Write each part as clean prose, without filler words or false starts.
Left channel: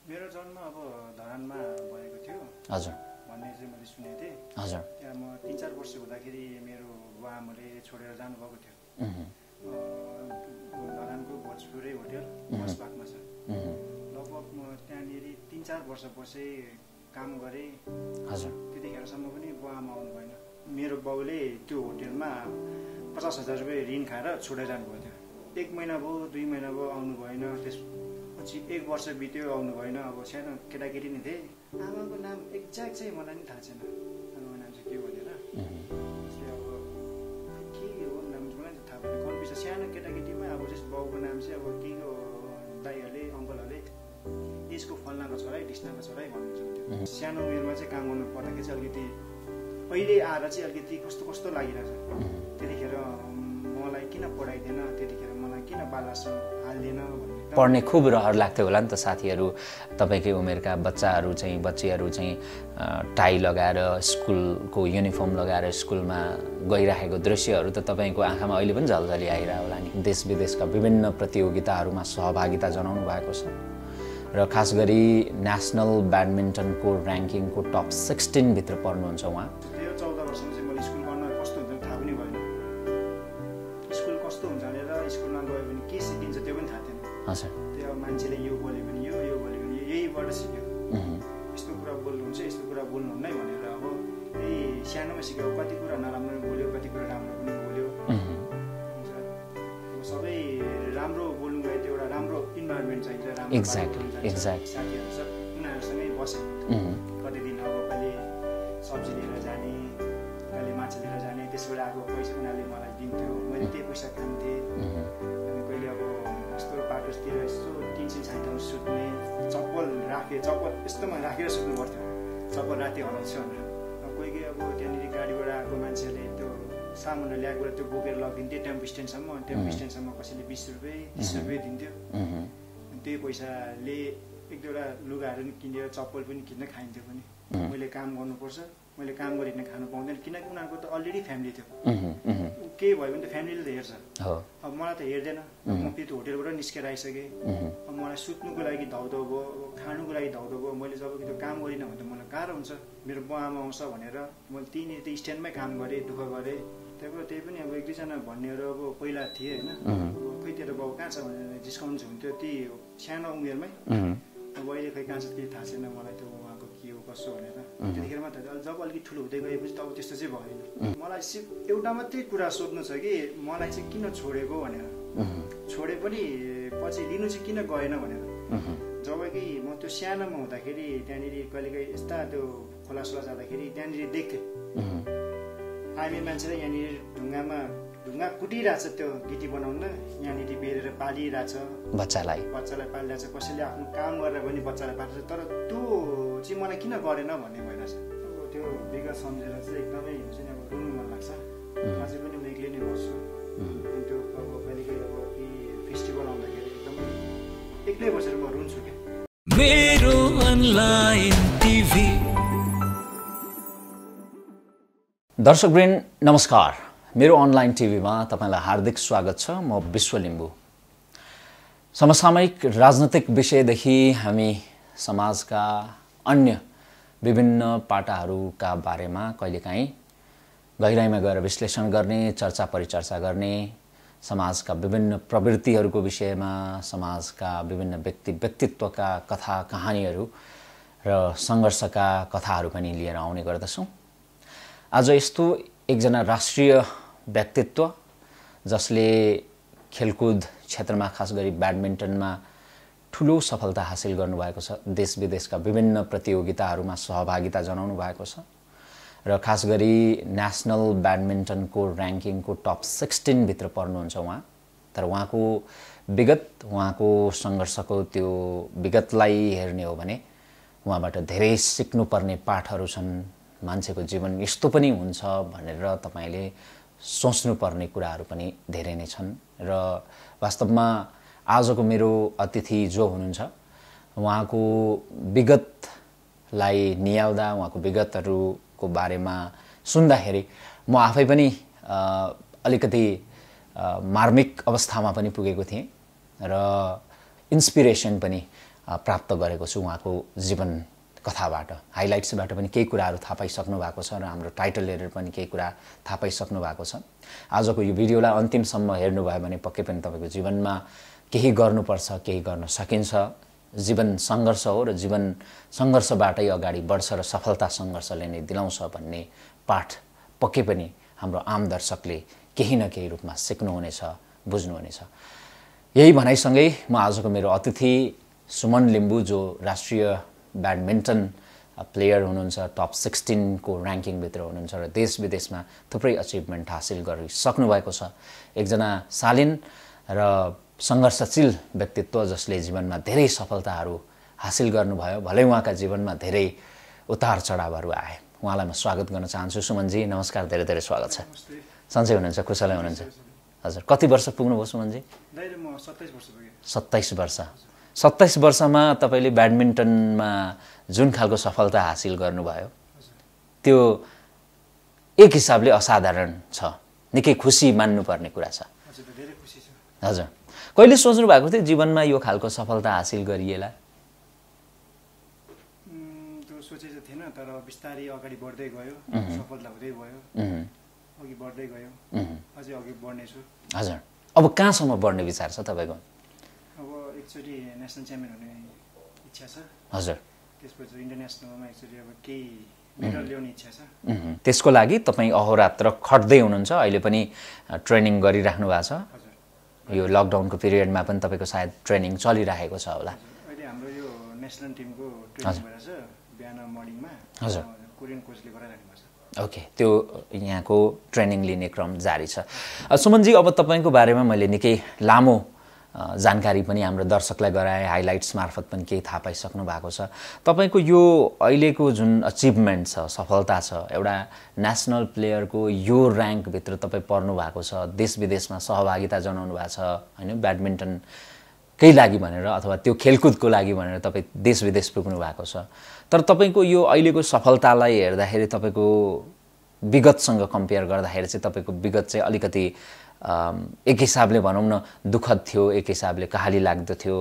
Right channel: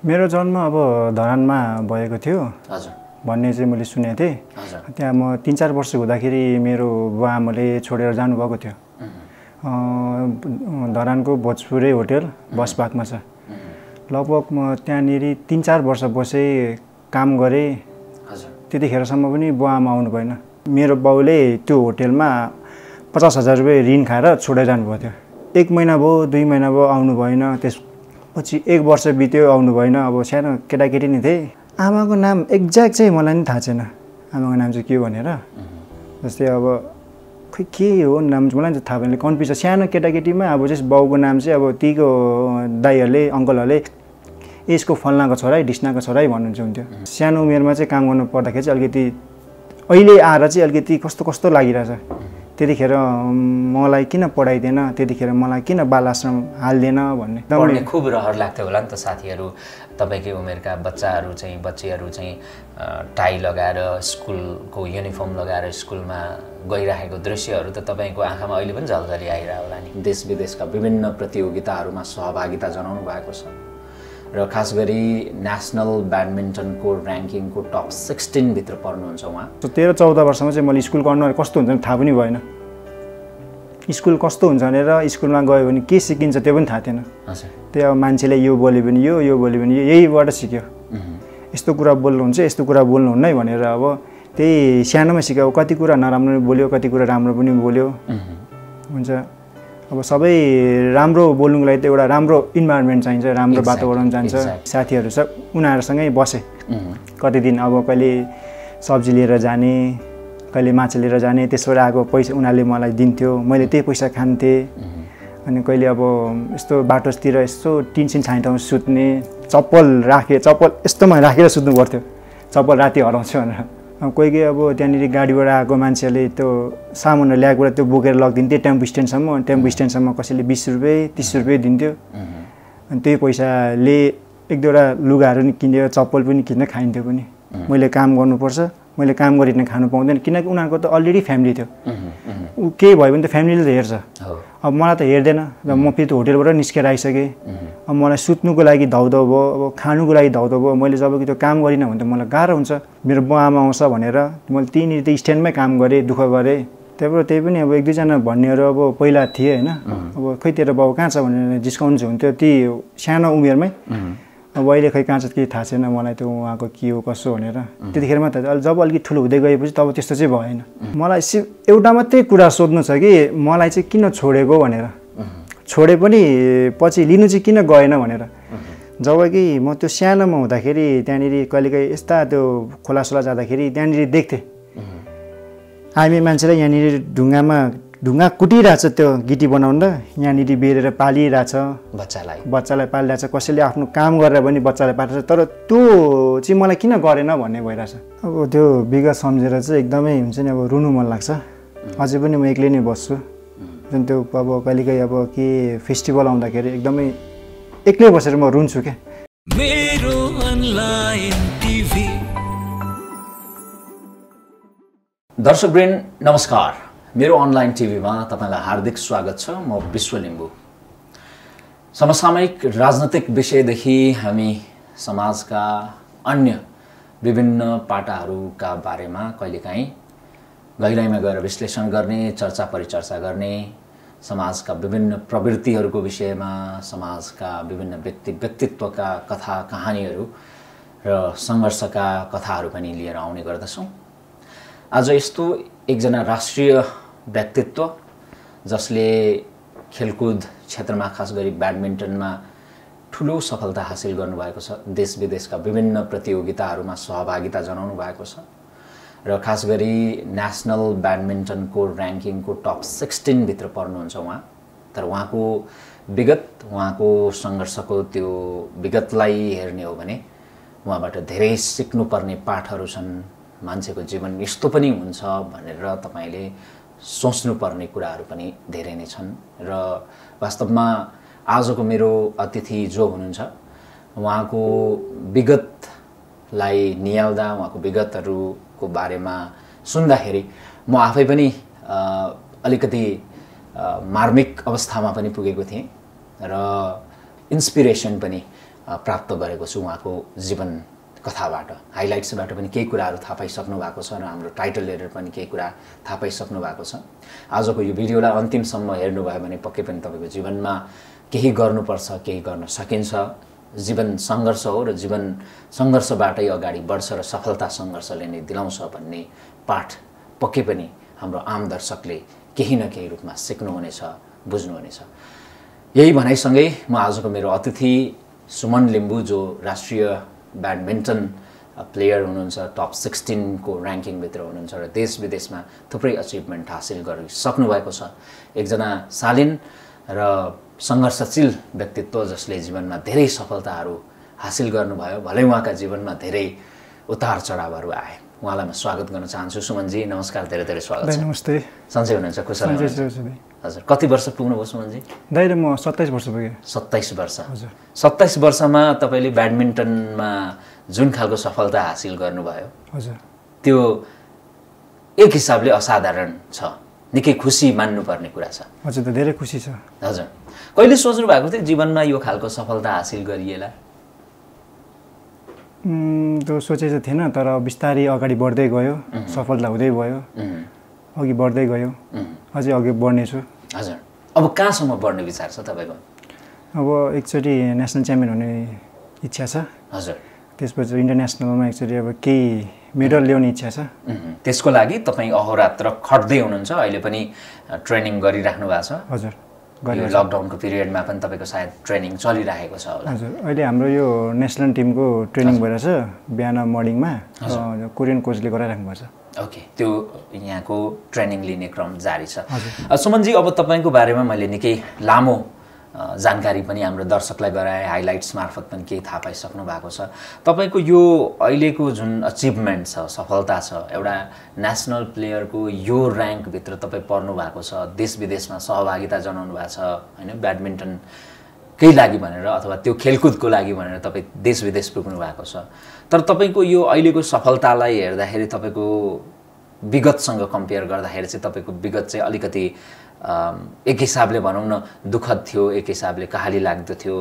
मेरो जन्म अब धरानमा भएको थियो हजुर भन्ने चाहिँ मैले सुनेको थिएँ। हजुर त्यहाँ म 3-4 वर्ष हुँदाखेरि मेरो बुवा आमाले छोडेर जानुभएको थियो। धरानको भोजपुरे होटल बसपाकमा छ। लगभग म त्यहाँनिर 3-4 वर्ष बसेँ, काम गरेँ। हजुर त्यतिखेरसम्म पनि बुवा आमा आउनु भएन। मेरो बाउले त्यो होटेलमा 50,000 रुपियाँ ऋण खाएर छोडेर जानुभएको थियो। 1 महिना भयो, 2 महिना भयो, आउनु भएन। त्यसपछि 1 वर्ष बित्यो, आउनु भएन। अब सानो केटाकेटी नै थिएँ। आमाको नाम एक्ज्याक्ट चाहिँ मलाई नि थाहा छैन, आमाको नाम चाहिँ के हो भनेर। जस्तै अब खै के हो नाम मलाई चाहिँ थाहा भएन, कन्फ्युज छ। सानो केटाकेटीमा अब चाहिँ बाउको नाम चाहिँ अब तीको दाइहरूले अङ्कलहरूले यसको फल्नाको छोरा है, ढिस्नाको छोरा है भन्नुहुन्छ हुन्थ्यो। सानो उमेरमा चाहिँ काम गर्नु पर्दाखेरि चाहिँ अलिकति अहिले आएर चाहिँ अलिकति कस्तो कस्तो लागिरहेछ। त्यतिखेर मलाई किन पढाइदिएन, त्यतिखेर मलाई किन बाल आश्रम हाल्दैन भन्ने पढ्ने खुब रहर लाग्थ्यो होला नि त। साथीहरू तपाईँकै उमेरका बच्चीहरू चाहिँ टाई लगाएर स्कुलको युनिफर्म लगाएर स्कुलमा गइरहेको दृश्यहरू त तपाईँको आँखामा अहिले पनि झलझली आइरहेको होला नि। देश विदेशका विभिन्न प्रतियोगिताहरूमा सहभागिता जनाउनु भएको छ र खास गरी नेसनल ब्याडमिन्टनको ऱ्याङ्किङको टप 16 भित्र पर्नुहुन्छ उहाँ। 13-14 वर्षमा चाहिँ मैले स्कुल गर्नु कस्तो हुन्छ थाहा पनि भएन। स्कुल कस्तो हुन्छ भनेर स्कुलमा गयो भने के सिकिन्छ त्यो पनि थाहा थिएन। त्यही अब मान्छेले यो बोल्यो भने यो बोल्यो भने यहीबाट सिक्यो। यस्तो कुरा बोल्नुहुन्छ, यस्तो कुरा बोल्नुहुन्न है भनेर अब त्यही सानोमा सिक्यो। कति कुरा नराम्रो बोल्यो, कति कुरा राम्रो पनि बोल्यो। हुन्छ अब सबै राम्रो बोल्नुको लागि त एउटा राम्रो इन्भाइरोमेन्ट चाहिन्छ, राम्रो वातावरण चाहिन्छ। साथीहरू सब उनीहरूसँगै बसेँ कति दिन। अब कहिले सब्जी लिएर जाने, कहिले माछा लिएर जाने, त्यसबाट आएको पैसा उनीहरूले मलाई दिन्थ्यो, मैले त्यही पैसा खान्थेँ। अनि कहिले अब यस्तो बाटोतिर यस्तो टिनसिन छाने ठाउँ सुत्ने, चप्पल यस्तोमा राखेर सुत्नु पर्थ्यो, चप्पल राति हराउँछ भनेर। कोही अब त्यहाँनिर गाडीबाट आएको मान्छेहरूले त्यो सामानहरू ल्याएकोबाट त्यो बोकेर लगिदिन्थ्यो टेम्पो स्ट्यान्डसम्म कसैले 20 रुपियाँ 30 रुपियाँ दिन्थ्यो। अनि त्यही पैसाले 1-2वटा लुगाहरू नि किनेर चप्पल पनि किन्न खाइन्थ्यो पनि। मैले काम गर्नुपर्छ, मैले काम गरिकन खानु पाउँदैन, किनकि उनीहरूको त अलरेडी फ्यामिली थियो। केही भयो भने त फ्यामिलीले त हेर्छ। अब मलाई त हेर्दैन। र म फेरि त्यो होटेलबाट निस्केर आइसकेँ। अब मलाई सुत्नुको लागि धाउधाउ भयो, अब खानुको लागि धाउधाउ भयो। मैले जब कि त्यो काम गरिनँ भने त मलाई गाह्रो हुन्छ। मेरो बुवा आमा आउँछ भनेर मैले त्यहीँनिर त्यो स्ट्यान्डमै काम गरेँ, दुःख गरेँ। त्यही पनि अब 1-2जना भन्नेहरू अब पहिला थिए होइन। अब खै तेरो बाउ कहाँ छ भनेर जिस्काउनु हुन्थ्यो ती सानो उमेरमै। अब अहिले खै कहाँ छ केही थाहा छैन मलाई त्यो उहाँको के हो कसो भनेर। त्यतिखेरमा त जब अलिकति ठुलो हुँदै गएपछि तब त्यस्तो चाहिँ भएन। मलाई एउटा मात्रै कुरा सोध्नु छ कि मलाई चाहिँ किन छोडेको भनेर। छोडे पनि पछि लिनु चाहिँ किन गएन भनेर। जब कि म त्यो सानोमा हुँदाखेरि त्यहाँनिर कहिलेकाहीँ यस्ता त्यो खोलासोला जाँदाखेरि त्यहाँनिर देख्थेँ हामी मान्छेलाई यहाँनिर ढुङ्गा कुटिरहेछ त्यो गिटी बनाउन, यहाँनिर बेरेर पालिरहेछ बच्चालाई पालिरहेछ। कसैले आफ्नो काम गरेर पनि बच्चालाई पालिरहेछ। तर त्यो चाहिँ मलाई किन गरेन भन्ने भइरहेछ। अब त्यो विगत सम्झेर चाहिँ एकदमै हुन्छ नि, अब रुनु मन लाग्छ। अझै पनि म एक्लै नै बस्छु। जुन त्यो अब कहिलेकाहीँ अब के फेस्टिभल आउँदाखेरि एकदमै एक्लै बसेर म रुन्छु क्या। मेरो अनलाइन टिभी दर्शकवृन्द नमस्कार। मेरो अनलाइन टिभीमा तपाईलाई हार्दिक स्वागत छ। म विश्व लिम्बू। समसामयिक राजनैतिक विषयदेखि हामी समाजका अन्य विभिन्न पाटाहरूका बारेमा कहिलेकाहीँ गहिराइमा गएर विश्लेषण गर्ने, चर्चा परिचर्चा गर्ने, समाजका विभिन्न प्रवृत्तिहरूको विषयमा, समाजका विभिन्न व्यक्तित्वका कथा कहानीहरू र सङ्घर्षका कथाहरू पनि लिएर आउने गर्दछौँ। आज यस्तो एकजना राष्ट्रिय व्यक्तित्व जसले खेलकुद क्षेत्रमा खास गरी ब्याडमिन्टनमा ठुलो सफलता हासिल गर्नुभएको छ, देश विदेशका विभिन्न प्रतियोगिताहरूमा सहभागिता जनाउनु भएको छ र खास गरी नेसनल ब्याडमिन्टनको ऱ्याङ्किङको टप 16 भित्र पर्नुहुन्छ उहाँ। तर उहाँको विगत, उहाँको सङ्घर्षको त्यो विगतलाई हेर्ने हो भने उहाँबाट धेरै सिक्नुपर्ने पाठहरू छन्। मान्छेको जीवन यस्तो पनि हुन्छ भनेर तपाईले सोच्नुपर्ने कुराहरू पनि धेरै नै छन्। र वास्तवमा आजको मेरो अतिथि जो हुनुहुन्छ उहाँको विगतलाई नियाल्दा, उहाँको विगतहरूको बारेमा सुन्दाखेरि म आफै पनि अलिकति मार्मिक अवस्थामा पनि पुगेको थिएँ र इन्स्पिरेसन पनि प्राप्त गरेको छु उहाँको जीवन कथाबाट। हाइलाइट्सबाट पनि केही कुराहरू थाहा पाइसक्नु भएको छ र हाम्रो टाइटल हेरेर पनि केही कुरा थाहा पाइसक्नु भएको छ। आजको यो भिडियोलाई अन्तिमसम्म हेर्नुभयो भने पक्कै पनि तपाईँको जीवनमा केही गर्नुपर्छ, केही गर्न सकिन्छ। जीवन सङ्घर्ष हो र जीवन सङ्घर्षबाटै अगाडि बढ्छ र सफलता सङ्घर्षले नै दिलाउँछ भन्ने पाठ पक्कै पनि हाम्रो आम दर्शकले केही न केही रूपमा सिक्नुहुनेछ, बुझ्नुहुनेछ। यही भनाइसँगै म आजको मेरो अतिथि सुमन लिम्बू जो राष्ट्रिय ब्याडमिन्टन प्लेयर हुनुहुन्छ, टप 16 को र्याङ्किङभित्र हुनुहुन्छ र देश विदेशमा थुप्रै अचिभमेन्ट हासिल गरिसक्नु भएको छ। एकजना शालीन र सङ्घर्षशील व्यक्तित्व जसले जीवनमा धेरै सफलताहरू हासिल गर्नुभयो। भलै उहाँका जीवनमा धेरै उतार चढावहरू आए। उहाँलाई म स्वागत गर्न चाहन्छु। सुमनजी नमस्कार, धेरै धेरै स्वागत छ। नमस्ते। सन्चै हुनुहुन्छ, कुशल हुनुहुन्छ? हजुर, कति वर्ष पुग्नुभयो सुमनजी? दाइले म 27 वर्ष पुगेँ। 27 वर्ष। 27 वर्षमा तपाईँले ब्याडमिन्टनमा जुन खालको सफलता हासिल गर्नुभयो, हजुर, त्यो एक हिसाबले असाधारण छ, निकै खुसी मान्नुपर्ने कुरा छ। हजुर, त धेरै खुसी छ। हजुर, कहिले सोच्नु भएको थियो जीवनमा यो खालको सफलता हासिल गरिएला? त्यो सोचेको थिएन, तर बिस्तारै अगाडि बढ्दै गयो, सफलता हुँदै गयो, अघि बढ्दै गयो, अझै अघि बढ्नेछु। हजुर, अब कहाँसम्म बढ्ने विचार छ तपाईँको? अब एकचोटि नेसनल च्याम्पियन हुने इच्छा छ। हजुर, त्यसपछि इन्टरनेसनलमा एकचोटि अब केही मेडल ल्याउने इच्छा छ। त्यसको लागि तपाईँ अहोरात्र खट्दै हुनुहुन्छ, अहिले पनि ट्रेनिङ गरिराख्नु भएको छ? हजुर, यो लकडाउनको पिरियडमा पनि तपाईँको सायद ट्रेनिङ चलिरहेको छ होला? हजुर, अहिले हाम्रो यो नेसनल टिमको ट्रेनिङ भइरहेछ बिहान मर्निङमा, कोरियन कोचले गराइराख्नु भएको छ। ओके, त्यो यहाँको ट्रेनिङ लिने क्रम जारी छ। सुमनजी, अब तपाईँको बारेमा मैले निकै लामो जानकारी पनि हाम्रो दर्शकलाई गराएँ, हाइलाइट्स मार्फत पनि केही थाहा पाइसक्नु भएको छ। तपाईँको यो अहिलेको जुन अचिभमेन्ट छ, सफलता छ, एउटा नेसनल प्लेयरको यो र्याङ्कभित्र तपाईँ पर्नु भएको छ, देश विदेशमा सहभागिता जनाउनु भएको छ होइन, ब्याडमिन्टनकै लागि भनेर अथवा त्यो खेलकुदको लागि भनेर तपाईँ देश विदेश पुग्नु भएको छ। तर तपाईँको यो अहिलेको सफलतालाई हेर्दाखेरि तपाईँको विगतसँग कम्पेयर गर्दाखेरि चाहिँ तपाईँको विगत चाहिँ अलिकति एक हिसाबले भनौँ न दुःखद थियो, एक हिसाबले कहाली लाग्दो थियो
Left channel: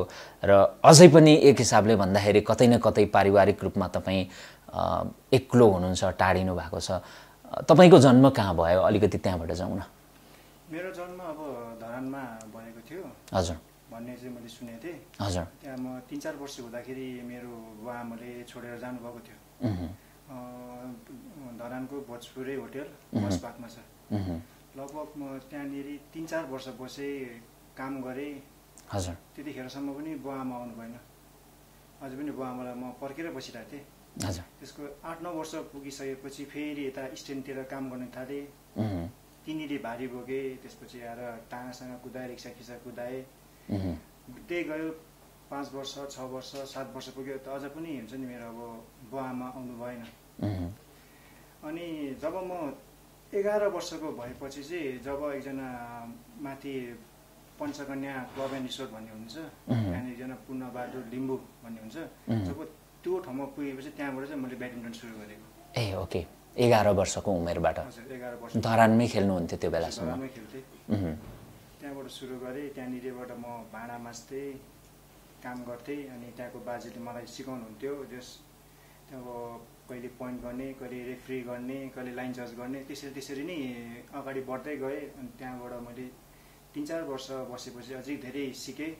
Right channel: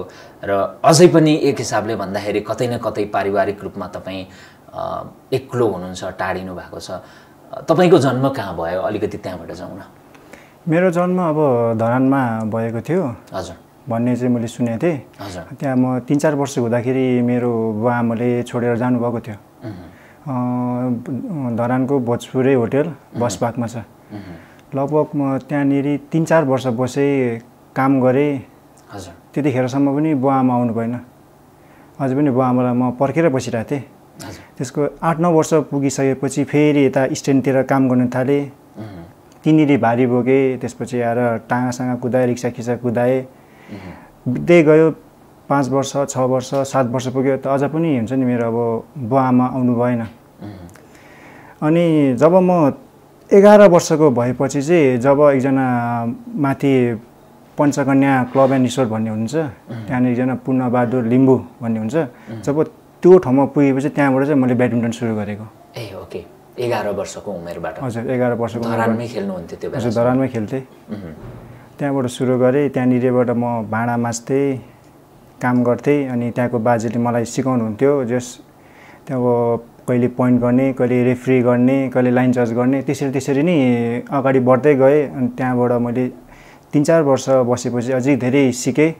र अझै पनि एक हिसाबले भन्दाखेरि कतै न कतै पारिवारिक रूपमा तपाईँ एक्लो हुनुहुन्छ, टाढिनु भएको छ। तपाईँको जन्म कहाँ भयो? अलिकति त्यहाँबाट जाउँ न। मेरो जन्म अब धरानमा भएको थियो। हजुर, भन्ने चाहिँ मैले सुनेको थिएँ। हजुर, त्यहाँ म 3-4 वर्ष हुँदाखेरि मेरो बुवा आमाले छोडेर जानुभएको थियो। धरानको भोजपुरे होटेल बसपाकमा छ। लगभग म त्यहाँनिर 3-4 वर्ष बसेँ, काम गरेँ। हजुर, त्यतिखेरसम्म पनि बुवा आमा आउनु भएन। अझै पनि बुवा आमालाई म पर्खेर बसिरहेको थिएँ। हजुर, त्यसको 8-9 वर्ष पुगिसकेपछि फेरि यता स्ट्यान्डतिर काम गर्न थालेँ। तिनीले भारी बोकेँ, त्यसपछि आएर टाँगासँग कुदाएँ, रिक्सा खिचा कुदाएँ। बित्दै गयो 5 वर्ष, 6 वर्ष, 7 वर्ष पुग्यो, त अझ पनि हुन्छ नि मेरो अब बुवा आमा आउनु भएन। अनि जब म 11 वर्षको भएपछि चाहिँ जब एकजना माथि पञ्चकन्या क्लब एन्ड रिसोर्ट भन्ने हुन्छ, त्यहाँनिर एकजना पूर्णबहादुर लिम्बू भन्ने हुन्छ, जब त्यो ठाउँमा पुगेपछि त्यहाँबाट चाहिँ मैले ब्याडमिन्टन सुरु गरेको। ए ओके, 11 वर्षको उमेरबाट? हजुर, 11 वर्षको। धरानमै खेल्नुहुन्थ्यो त्यो बेला? हजुर, धरानमै खेल्थेँ। त्यहाँबाट सुरु गरेँ। त्यहाँनिरबाट म भाँडा माझ्थेँ, काम गर्थेँ। अनि त्यहाँको बाजेले मलाई सिकाउनुहुन्थ्यो, जस त्यहाँ कहिले पोइन्ट गर्ने, कहिले रेफ्री गर्ने, कहिले लाइन जज गर्ने, त्यसरी नै अगाडि बढ्दै गएँ। अनि त्यहाँबाट मैले 3-4 वर्ष बसेपछि अझै धेरै सिकेँ।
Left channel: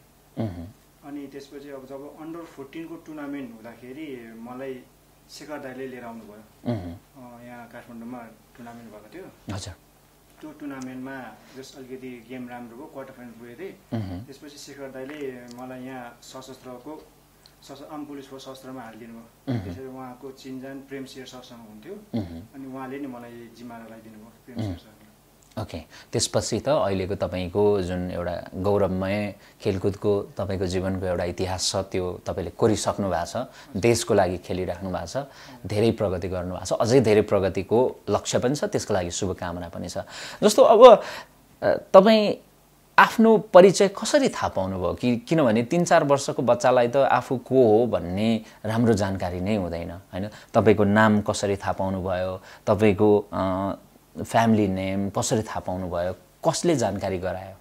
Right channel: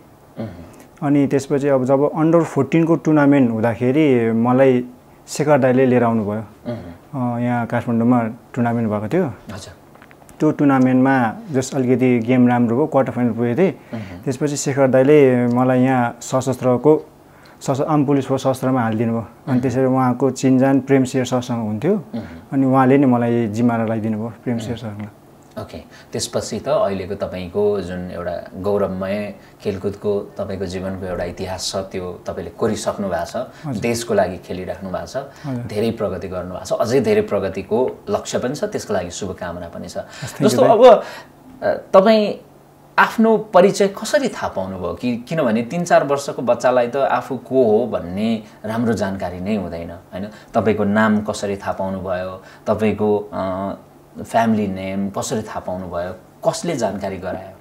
अनि त्यसपछि अब जब अन्डर 14 को टुर्नामेन्ट हुँदाखेरि मलाई शेखर दाइले लिएर आउनुभयो। यहाँ काठमाडौँमा टुर्नामेन्ट भएको थियो। हजुर, त्यो टुर्नामेन्टमा जस अलिकति गेम राम्रो भयो, क्वार्टर फाइनल पुगेको थिएँ। त्यसपछि शेखर दाइले मलाई यहाँ आम पुलिस फोर्स सशस्त्रमा हालिदिनु भयो। अनि त्यसरी उहाँको चिनजान प्रेमशेर सरसँग हुन्थ्यो। अनि उहाँले नै मलाई जिम्मामा लगाइदिनु भयो, प्रेमशेर सरसँग। ओके, त्यसपछि त अहिलेको तपाईँको जुन एउटा गौरवमय खेलकुदको तपाईँको जीवनको एउटा इतिहास छ, त्यो तपाईँले कोरिसक्नु भएको छ, देशको लागि खेलिराख्नु भएको छ, धेरै प्रगति गर्नुभएको छ, अझै धेरै प्रगतिको लक्ष्य पनि छ, त्यसको लागि शुभकामना पनि छ। जस्तो अब तपाईँ आफ्नो परिचय कसरी थाहा पाउनुभयो? किनभने 3-4 वर्षको बच्चालाई त आफू को हो भन्ने राम्रो जानकारी नै हुँदैन होइन। तपाईँको नाम कसरी थाहा पाउनुभयो? तपाईँको फ्यामिली नेम कसरी थाहा पाउनुभयो? कसले जानकारी गरायो?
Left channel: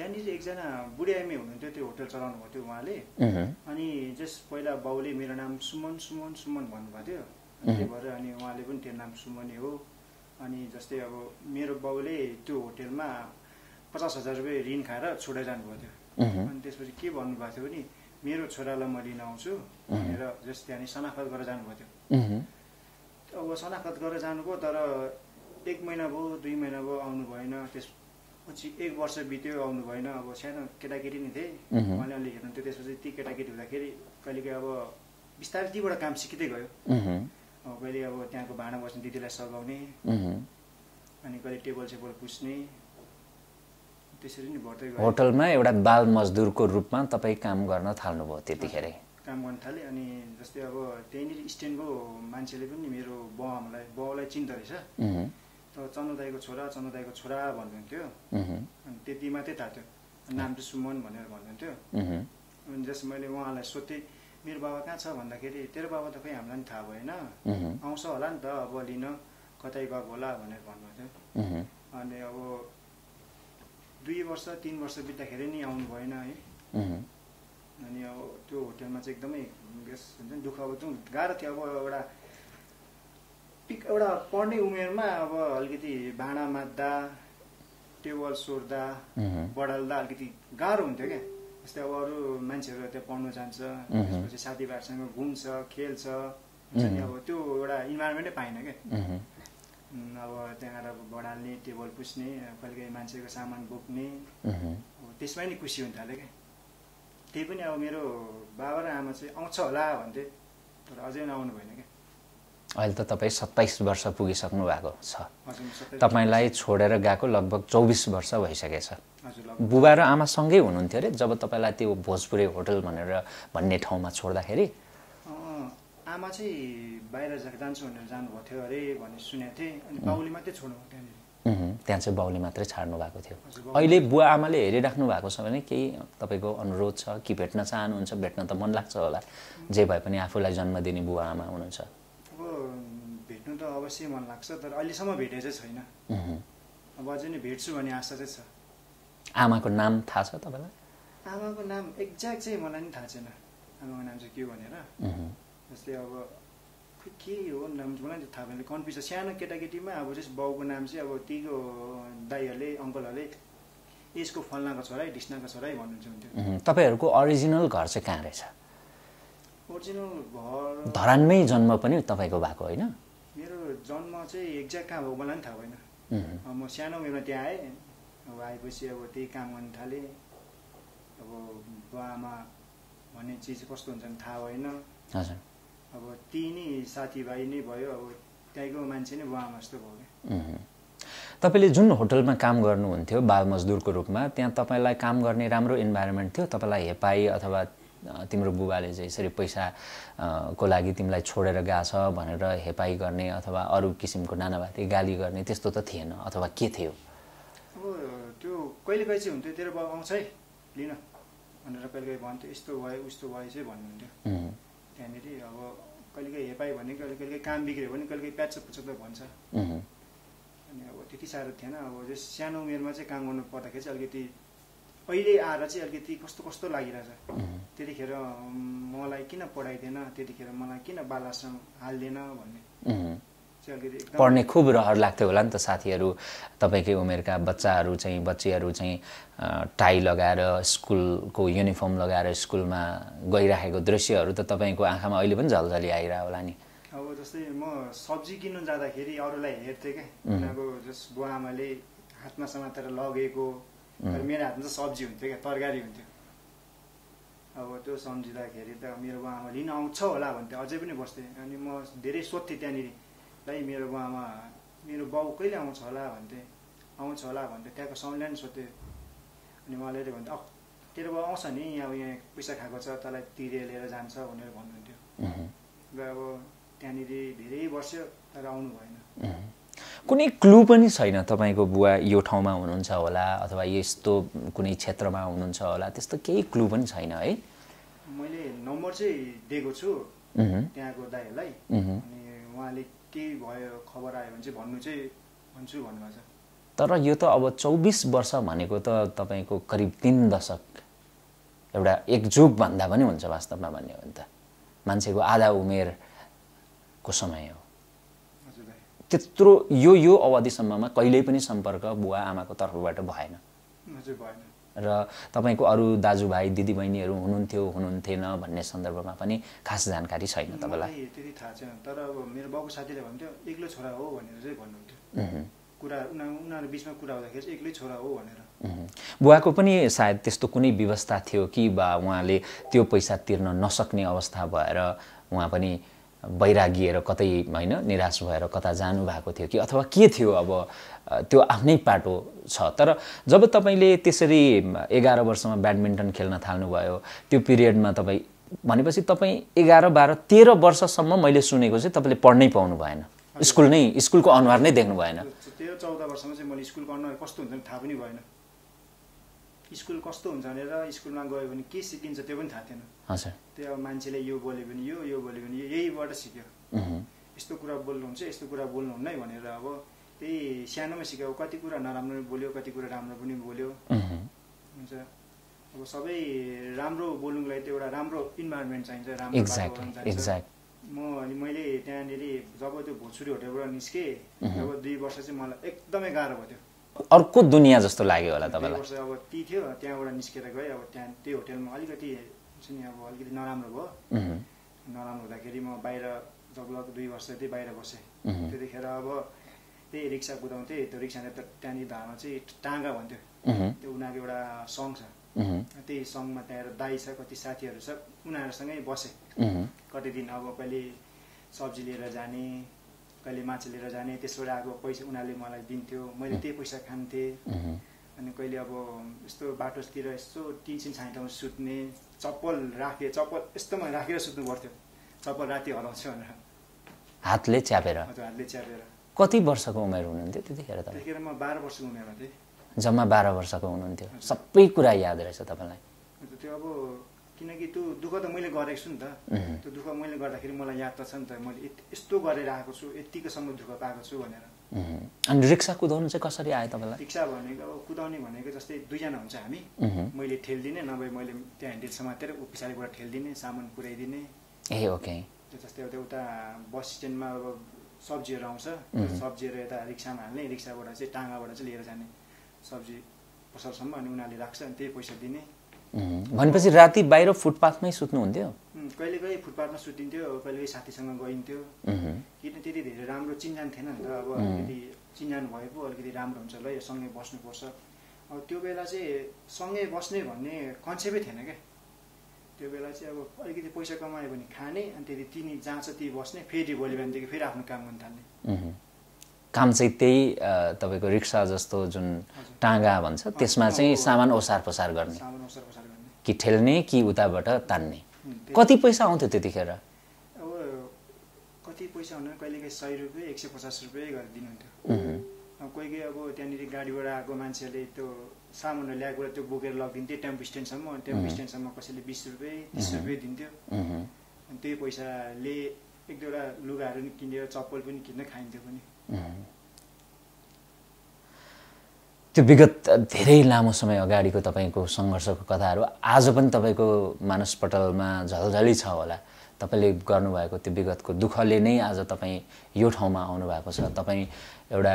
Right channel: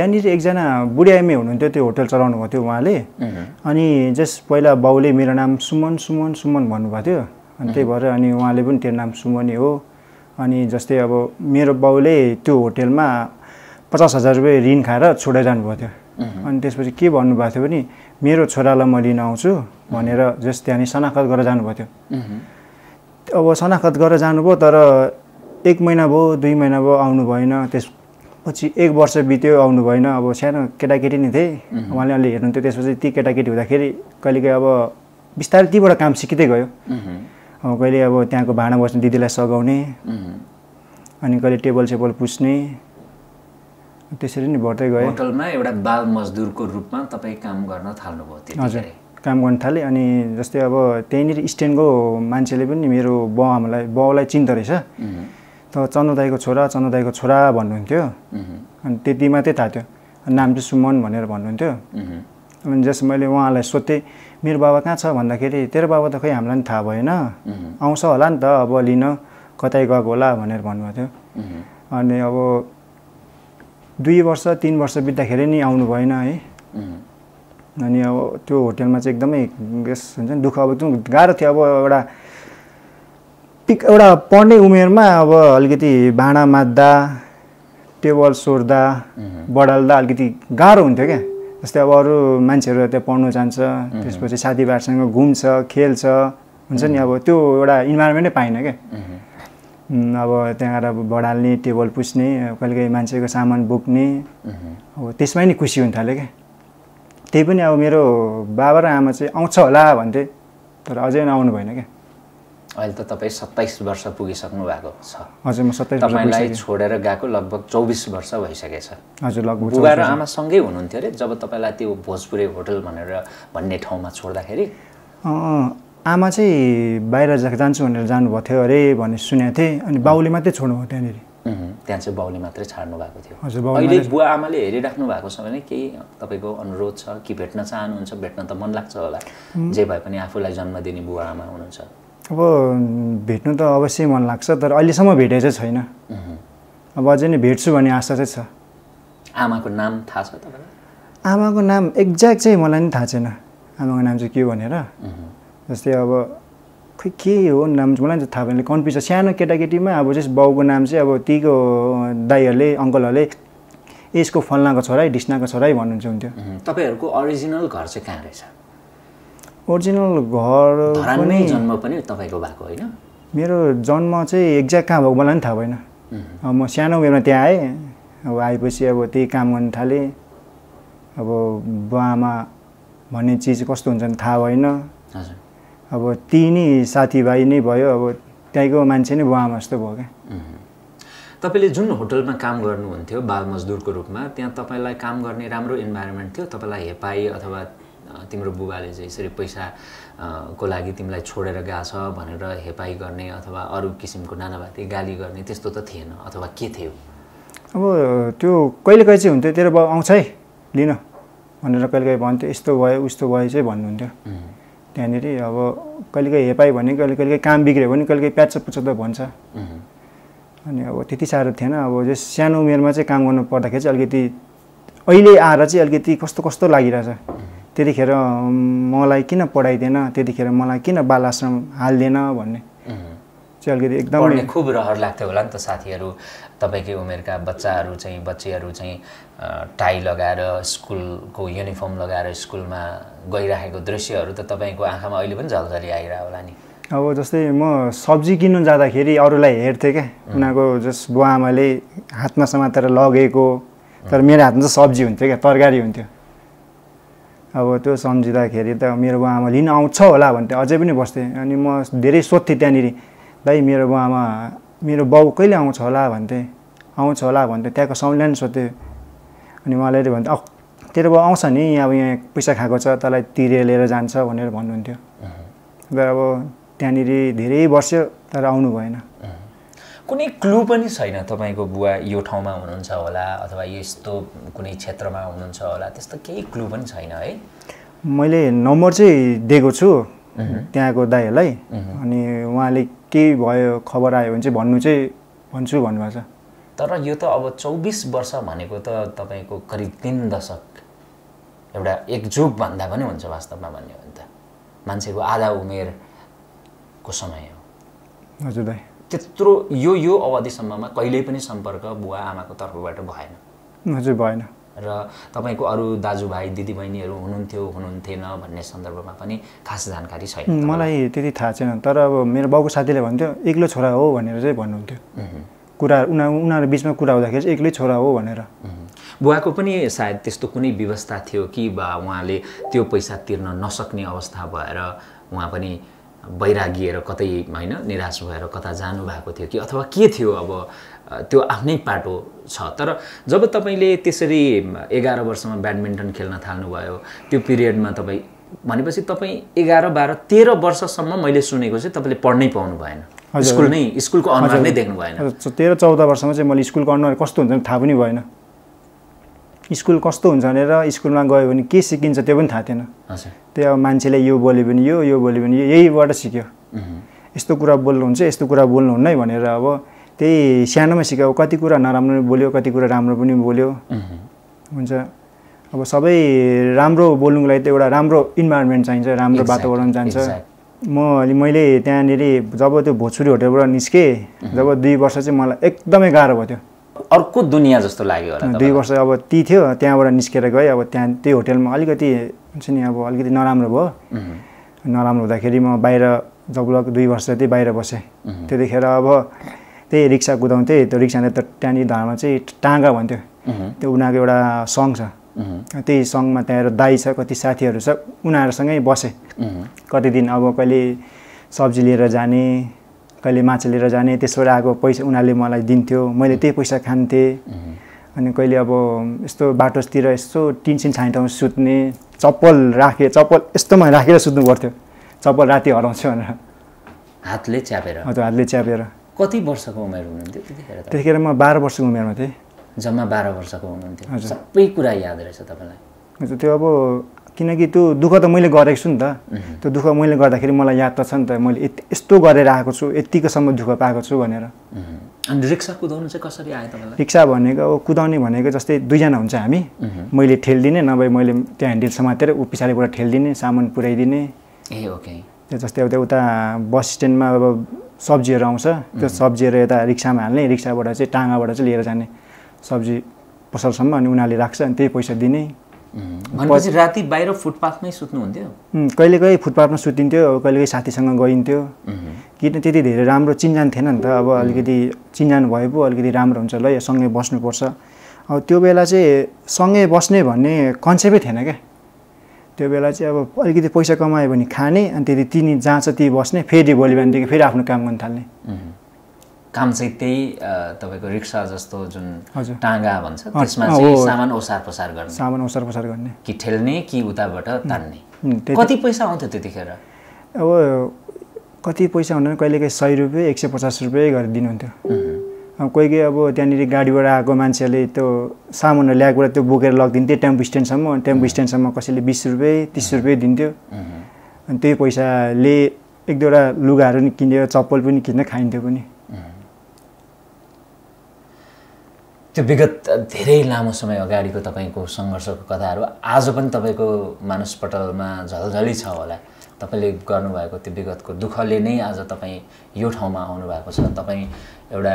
त्यहाँनिर एकजना बुढी आइमी हुनुहुन्थ्यो, त्यो होटल चलाउनु भएको थियो उहाँले। अनि जस्ट पहिला बाउले मेरो नाम सुमन सुमन सुमन भन्नुभएको थियो, अनि त्यही भएर अनि उहाँले पनि त्यो नाम सुमनै हो। अनि जस्तै अब मेरो बाउले त्यो होटेलमा 50,000 रुपियाँ ऋण खाएर छोडेर जानुभएको थियो। अनि त्यसपछि के भन्नुभएको थियो भने मेरो छोरालाई म लिन आउँछु भनेर जस्ट त्यहाँनिर शनाखत गरेर जानुभएको थियो। अब शनाखत गरेर जानुभयो, तर 1 महिना भयो 2 महिना भयो आउनु भएन। त्यसपछि 1 वर्ष बित्यो आउनु भएन। अब सानो केटाकेटी नै थिएँ, उहाँले अलि हेर्नुहुन्थ्यो। त्यसपछि ती केटाकेटी हुँदाखेरि कहिलेकाहीँ अब बिस्तारै तीबाट काम सिकिँदै गयो। अब कहिले अब त्यहाँको भाँडा बस्ने दिदीलाई सघाउने, अनि कहिले टेबल सेबल पुस्ने, त्यसरी नै बढ्दै गयो। होटलमा एउटा बाल मजदुरको रूपमा तपाईँ काम गर्न थाल्नुभयो त्यतिखेरै? काम गर्न थालेँ। अनि जस्तै अब त्यहीँनिर स्ट्यान्डको मान्छेले पनि मेरो बाउलाई चिन्दो रहेछ। त चन्द्र दाईको छोरा भन्नुहुन्थ्यो। अनि त्यति मात्रै थाहा थियो, नाम चाहिँ सुमन भनेर भन्नुहुन्थ्यो। अनि जस्ट मैले उहाँलाई सोधेँ मेरो बाबा कहाँ छ भन्दाखेरि तेरो बाबा त खै हामीलाई पनि थाहा भएन, आउँछ होला नि त अब लिन, कतै गएको होला भनेर भन्नुभएको थियो। अनि अब 2 वर्ष 3 वर्ष बित्दाखेरि नि आउनु भएन है। अनि अब त्यो होटेलमा चाहिँ एकदमै हुन्छ नि दुःख। अब त्यो गाह्रो थियो। अब एउटा पढ्ने उमेरमा अब अलिकति भाँडा माझ्दा, टेबल सोर्दा, बढाल्दा अलिकति गाह्रो हुन्थ्यो क्या। जस्तै अब अरू मान्छेहरू त्यहाँ पढ्नु जान्छ, त्यसपछि साथीभाइहरूसँग घुम्छ, खेल्छ, हुन्छ नि। अब त्यो एउटा इन्भाइरोमेन्टै पाइनँ क्या। अब त्यहाँ गएर बढाल्ने, टेबल पुस्ने, कहिलेकाहीँ मान्छेको सामान बोक्ने, अब त्यसमै नि खुसी हुन थाल्यो क्या। त्यही पनि अब मेरो बाबा र आमा चाहिँ आउँछ होला भन्थे, तर अझै आउनु भएन क्या। अहिले त तपाईँ 27 वर्ष पुगिसक्नु भएको छ। हजुर, म 27 तपाईँलाई छोडेर गएको लगभग 24 वर्ष भइसकेछ। हजुर, लगभग। बुबा र आमासँगै हुनुहुन्थ्यो अरे जब तपाईँलाई त्यो भोजपुरे होटल भन्ने ठाउँमा छोड्दाखेरि? आमा चाहिँ बाहिर जान्छु भनेर जानुभएको थियो अरे भन्ने सुनेको थिएँ। अनि बाउले मात्रै छोड्नुभयो त्यहाँनिर। त्यहाँ चाहिँ बाउले मात्रै छाड्नु भएको थियो। हजुर। अहिले बुवा आमाले हेरिराख्नु भएको छ भने केही तपाईँको अनुरोध छ कि भेट्न चाहनुहुन्छ? भेट्न त मन लाग्छ होला, जे भए पनि आफूलाई जन्म दिने बुवा आमा हुनुहुन्छ। अब भेट्नु त अवश्य मन लाग्छ, तर अहिलेसम्म भेटेको चाहिँ छैन। अब अझै नै भेट्छु भन्ने आशा चाहिँ छ। आमाको नाम थाहा छ तपाईँलाई? आमाको नाम एक्ज्याक्ट चाहिँ मलाई नि थाहा छैन, आमाको नाम चाहिँ के हो भनेर। जस्तै अब खै के हो नाम मलाई चाहिँ थाहा भएन, कन्फ्युज छ। सानो केटाकेटीमा अब चाहिँ बाउको नाम चाहिँ अब तीको दाईहरूले अङ्कलहरूले यसको फल्नाको छोरा ढिस्नाको छोरा भन्नुहुन्छ हुन्थ्यो। तपाईँहरूको अरिजिनल घर चाहिँ कहाँ रहेछ? ओरिजिनल घर धरानमै जन्म पनि तपाईँको भएको होइन? मेरो जन्म चाहिँ एक्ज्याक्ट कहाँ भएको मलाई पनि थाहा भएन। अब म सानो उमेरमा त्यहाँ आएँ। अब आएपछि अब त्यही काम गर्न थालेँ। अब बुवा आमा भन्ने चिज कस्तो हुन्छ नि थाहा भएन। हजुर। अब ती नै साथीभाइ नै भयो, अब त्यहीँको मान्छे नै बुवा आमा जस्तो भयो क्या। तपाईँले जुन होटलमा काम गर्नुहुन्थ्यो बाल मजदुरको रूपमा, त्यहाँ तपाईँलाई काम गर्ने राम्रो इन्भाइरोमेन्ट थियो? तपाईँलाई हेपाई अथवा तिम्रो बुबाले चाहिँ यसरी पैसा को लागि तिमीलाई छोडेर गएछ भनेर हेपाई गर्ने अथवा अरू किसिमको नानाभाती गाली गर्ने त्यस्तो त थिएन, अथवा के थियो? अब त्यो कहिलेकाहीँ चाहिँ हुन्थ्यो, तेरो बाउ आउँछ है लिन भनेर कहिलेकाहीँ भन्थ्यो। यस्तो भयो उस्तो भयो चाहिँ भन्नुहुन्थ्यो त्यहाँनिर। अब कहिलेकाहीँ हेपाई भने कहिलेकाहीँ काम बिग्रियो भने कहिलेकाहीँ प्याच पुच्छ त भन्छ। अनि अब त्यति साह्रो थिएन। अब जस सानो उमेरमा चाहिँ काम गर्नु पर्दाखेरि चाहिँ अलिकति अहिले आएर चाहिँ अलिकति कस्तो कस्तो लागिरहेछ। त्यतिखेर मलाई किन पढाइदिएन, त्यतिखेर मलाई किन बाल आश्रम हाल्दिएन भन्ने चाहिँ अलिकति एकदम पढ्ने खुब रहर लाग्थ्यो होला नि त। साथीहरू तपाईँकै उमेरका बच्चीहरू चाहिँ टाई लगाएर स्कुलको युनिफर्म लगाएर स्कुलमा गइरहेको दृश्यहरू त तपाईँको आँखामा अहिले पनि झलझली आइरह्यो होला नि। अब जस्तै म सब्जी किन्नु जाँदाखेरि अरूलाई हेर्थेँ क्या, उनीहरूको जस बुवा आमाले हातमा समातेर लगेको, तर मेरो हातमा चाहिँ सब्जी हुन्थ्यो क्या, तरकारी हुन्थ्यो। अब त्यो सम्झिँदाखेरि त मेरो बुवा आमा लिन आउँछ होला भन्थ्यो, अझै पनि बस्थेँ। अनि म धेरै सोध्थेँ त्यहाँनिर, भाइ मेरो बुवा आमा मेरो बाउ कहिले आउँछ होला भन्थेँ, आउँछ होला भन्थेँ। त्यहाँको सम्झना सोध्थेँ। अनि उहाँले भन्थ्यो तेरो बाउ आउँछ नि, अब यहाँ पैसा खाएको छ तँलाई तिरेर लिएर जान्छ भनेर भन्नुहुन्थ्यो। तर अब त्यहाँनिर धेरै वर्ष तर आउनु भएन। कुनै क्लु पनि छैन तपाईँको बुवा यो ठाउँमा हुनुहुन्छ होला अथवा यस्तो कुनै क्षेत्रमा हुनुहुन्छ होला, त्यस्तो केही क्लु पनि छैन है? मैले नम्बर चाहिँ दिएको छु त्यहाँको दाइहरूलाई। अनि उहाँले केही भयो खबर आयो भने चाहिँ भन्छु भन्नुभएको छ। तर यो त अब 24 वर्ष भनेको त तपाईँको करिब 3 दशक एउटा एक जुग भन्दा पनि हुन्छ वास्तवमा भन्ने हो भने त मान्छेको आधा उमेरको समय हो। हजुर दाइ, त्यत्रो यो अवधिसम्ममा कहिल्यै पनि सम्पर्क बुवा आमाको तर्फबाट भएन? हजुर भएन। र तपाईँको अरू दाजुभाइ दिदीबहिनीहरू हुनुहुन्थेन भन्ने सन्दर्भमा पनि खास जानकारी छैन? मलाई त्यति थाहा छैन, तर अब मेरो बाउको साथीले भन्थ्यो एक्लो छोरा हो भनेर चाहिँ भन्नुहुन्थ्यो। कुरा उनीहरू बिचमा कुरा हुँदाखेरि चाहिँ एक्लै छोरा हो भनेर। बुवाको पनि सायद त्यस्तो कुनै व्यवस्था थियो कि बा उहाँले त्यो पैसा तिर्न नसक्ने अवस्था भएर उहाँ पनि बैरागिएर कतै होइन निराश भएर कता जानुभएको थियो कि अथवा के थियो? अब त्यो आफ्नै पाटो छ। तर जब तपाईँले त्यसरी 11 वर्षमा ब्याडमिन्टन खेल्न थाल्नुभयो त्यो पिरियडमा तपाईँ भनेपछि तपाईँ 11, 12, 13 वर्षसम्म मैले सुनेको चाहिँ तपाईँले पढ्नै पाउनु भएन, स्कुलको अनुहार नै देख्नु भएन। 13-14 वर्षमा चाहिँ मैले स्कुलको अनुहार कस्तो हुन्छ थाहा पनि भएन। स्कुल कस्तो हुन्छ भनेर स्कुलमा गयो भने के सिकिन्छ त्यो पनि थाहा थिएन। हजुर, त्यो अब मान्छेले यो बोल्यो भने यो बोल्यो भने यहीबाट सिक्यो। यस्तो कुरा बोल्नुहुन्छ, यस्तो कुरा बोल्नुहुन्न है भनेर अब त्यही सानोमा सिक्यो। कति कुरा नराम्रो बोल्यो, कति कुरा राम्रो पनि बोल्यो। हुन्छ, अब सबै राम्रो बोल्नुको लागि त एउटा राम्रो इन्भाइरोमेन्ट चाहिन्छ, राम्रो वातावरण चाहिन्छ। मैले त्यहाँनिर जब त्यो भोजपुरी होटलबाट निस्केँ, जब 2 वर्ष चाहिँ मलाई एकदमै गाह्रो भयो। त्यो अर्को दुनियाँ जस्तो लाग्यो होला। 2 वर्ष अब ती थियो, त्यहाँबाट निस्केर गएँ। अब त्यहाँ त्यो होटेलमा अलिकति हुन्छ नि अब अलिकति नराम्रो भयो। नराम्रो हुँदाखेरि म बाहिर जब 2 वर्ष चाहिँ बाहिर बसेँ। त्यतिखेर अब त्यही रिक्सा कुदाउँथेँ। त्यो रिक्साले त त्यहाँनिर धर्म चाहिँ टाँगा भन्थ्यो। त्यो उनीहरूको एउटा सङ छ, त्यही सङमा त्यहाँ दाई छ, कति साथीहरू छ, उनीहरूसँगै बसेँ कति दिन। अब कहिले सब्जी लिएर जाने, कहिले माछा लिएर जाने, त्यसबाट आएको पैसा उनीहरूले मलाई दिन्थ्यो, मैले त्यही पैसा खान्थेँ। अनि कहिले अब यस्तो बाटोतिर यस्तो टिनसिन छाने ठाउँमा सुत्ने, चप्पल यस्तोमा राखेर सुत्नु पर्थ्यो, चप्पल राति हराउँछ भनेर। हातले च्यापेर? हजुर, हातले च्यापेर। कति वर्षको उमेर हुनुहुन्थ्यो त्यतिखेर? त्यतिखेर म 12 वर्षको उमेरमा थिएँ। जम्मा 12 वर्षको हुनुहुन्थ्यो। सबै कुरा याद रहेछ तपाईँलाई? हजुर, त्यो अब किनकि त्यो दुःख त मैले गरेको छु नि त। त्यो दुःख मैले गर्दाखेरि मलाई याद त छ नि त, मैले यस्तो गरेर आएको छु, यतिकोसम्म दुःख पाएको छु भनेर। अनि रिक्सा कुदाउनु चाहिँ कसरी आयो तपाईँलाई? रिक्सा भनेको अब कुदाउने भनेको जस्तै 2 जना हुन्छ हामी, मैले ठेल्दिने, नभए मैले त्यो ह्यान्डल समातेर ऊ पछाडिबाट ठेल्दिने, सामान पुर्याइदिने। ए ओके। त्यो जस्तै अब उता बस स्ट्यान्डमा अब सब्जीहरू आउँछ, त्यो सब्जीहरू यता रिक्सामा हाल्ने, रिक्साबाट चाहिँ टाँगाबाट चाहिँ लिएर जाने सब्जी पसलसम्म, अनि उनीहरूले राख्छ, अनि त्यही पैसा दिने। भनेपछि राति बाहिर फुटपाथमै सुत्नुहुन्थ्यो? कहिले कहिले फुटपाथमा सुतिन्थ्यो, कहिले कहिले साथीसँग गइन्थ्यो। किन त्यति धेरै राम्रो चिन्जान थिएन नि त। अब अलिकति चिन्जान भए पो अलिकति राम्रो हुन्छ, ल सँगै बस्नुपर्छ। अब त्यो बेला चाहिँ सँगै बस्ने भन्ने कन्सेप्टै थिएन क्या। त्यो बेला चाहिँ अब अलिकति पैसा कमायो भने खाने, अनि त्यति तिनी जहाँ छ त्यही बस्ने, फेरि भोलि बिहानदेखि फेरि आफ्नो काम गर्न थाल्ने। काम चाहिँ त्यही तपाईँको रिक्सा जस्तो जुन टाँगा भन्छ त्यसमा चाहिँ सामान ओसार पसार गर्ने कि ठेल्ने कि उताबाट तान्ने? कति पैसा आउँथ्यो त्यतिखेर? अब कति पैसा हुँदैन, कहिले कहिले 100 रुपियाँ 150 रुपियाँ गरेर दिनुहुन्थ्यो। अब कोही कोही अब त्यहाँनिर गाडीबाट आएको मान्छेहरूले त्यो सामानहरू ल्याएकोबाट त्यो बोकेर लगिदिन्थ्यो टेम्पो स्ट्यान्डसम्म। टेम्पो स्ट्यान्डसम्म कसैले 20 रुपियाँ 30 रुपियाँ दिन्थ्यो। अनि त्यही पैसाले 1-2वटा लुगाहरू नि किनेर, चप्पल पनि किनेर खाइन्थ्यो पनि। त्यो विगत धेरै लामो समय अगाडिको तपाईँको सङ्घर्षको कथाहरू आज पनि तपाईँको मानसपटलमा झलझली छ होला। तपाईँले गर्नुभएको त्यो विगतको दुःखले नै आज तपाईँ यो ठाउँमा आउनुभएको छ। तपाईँ एउटा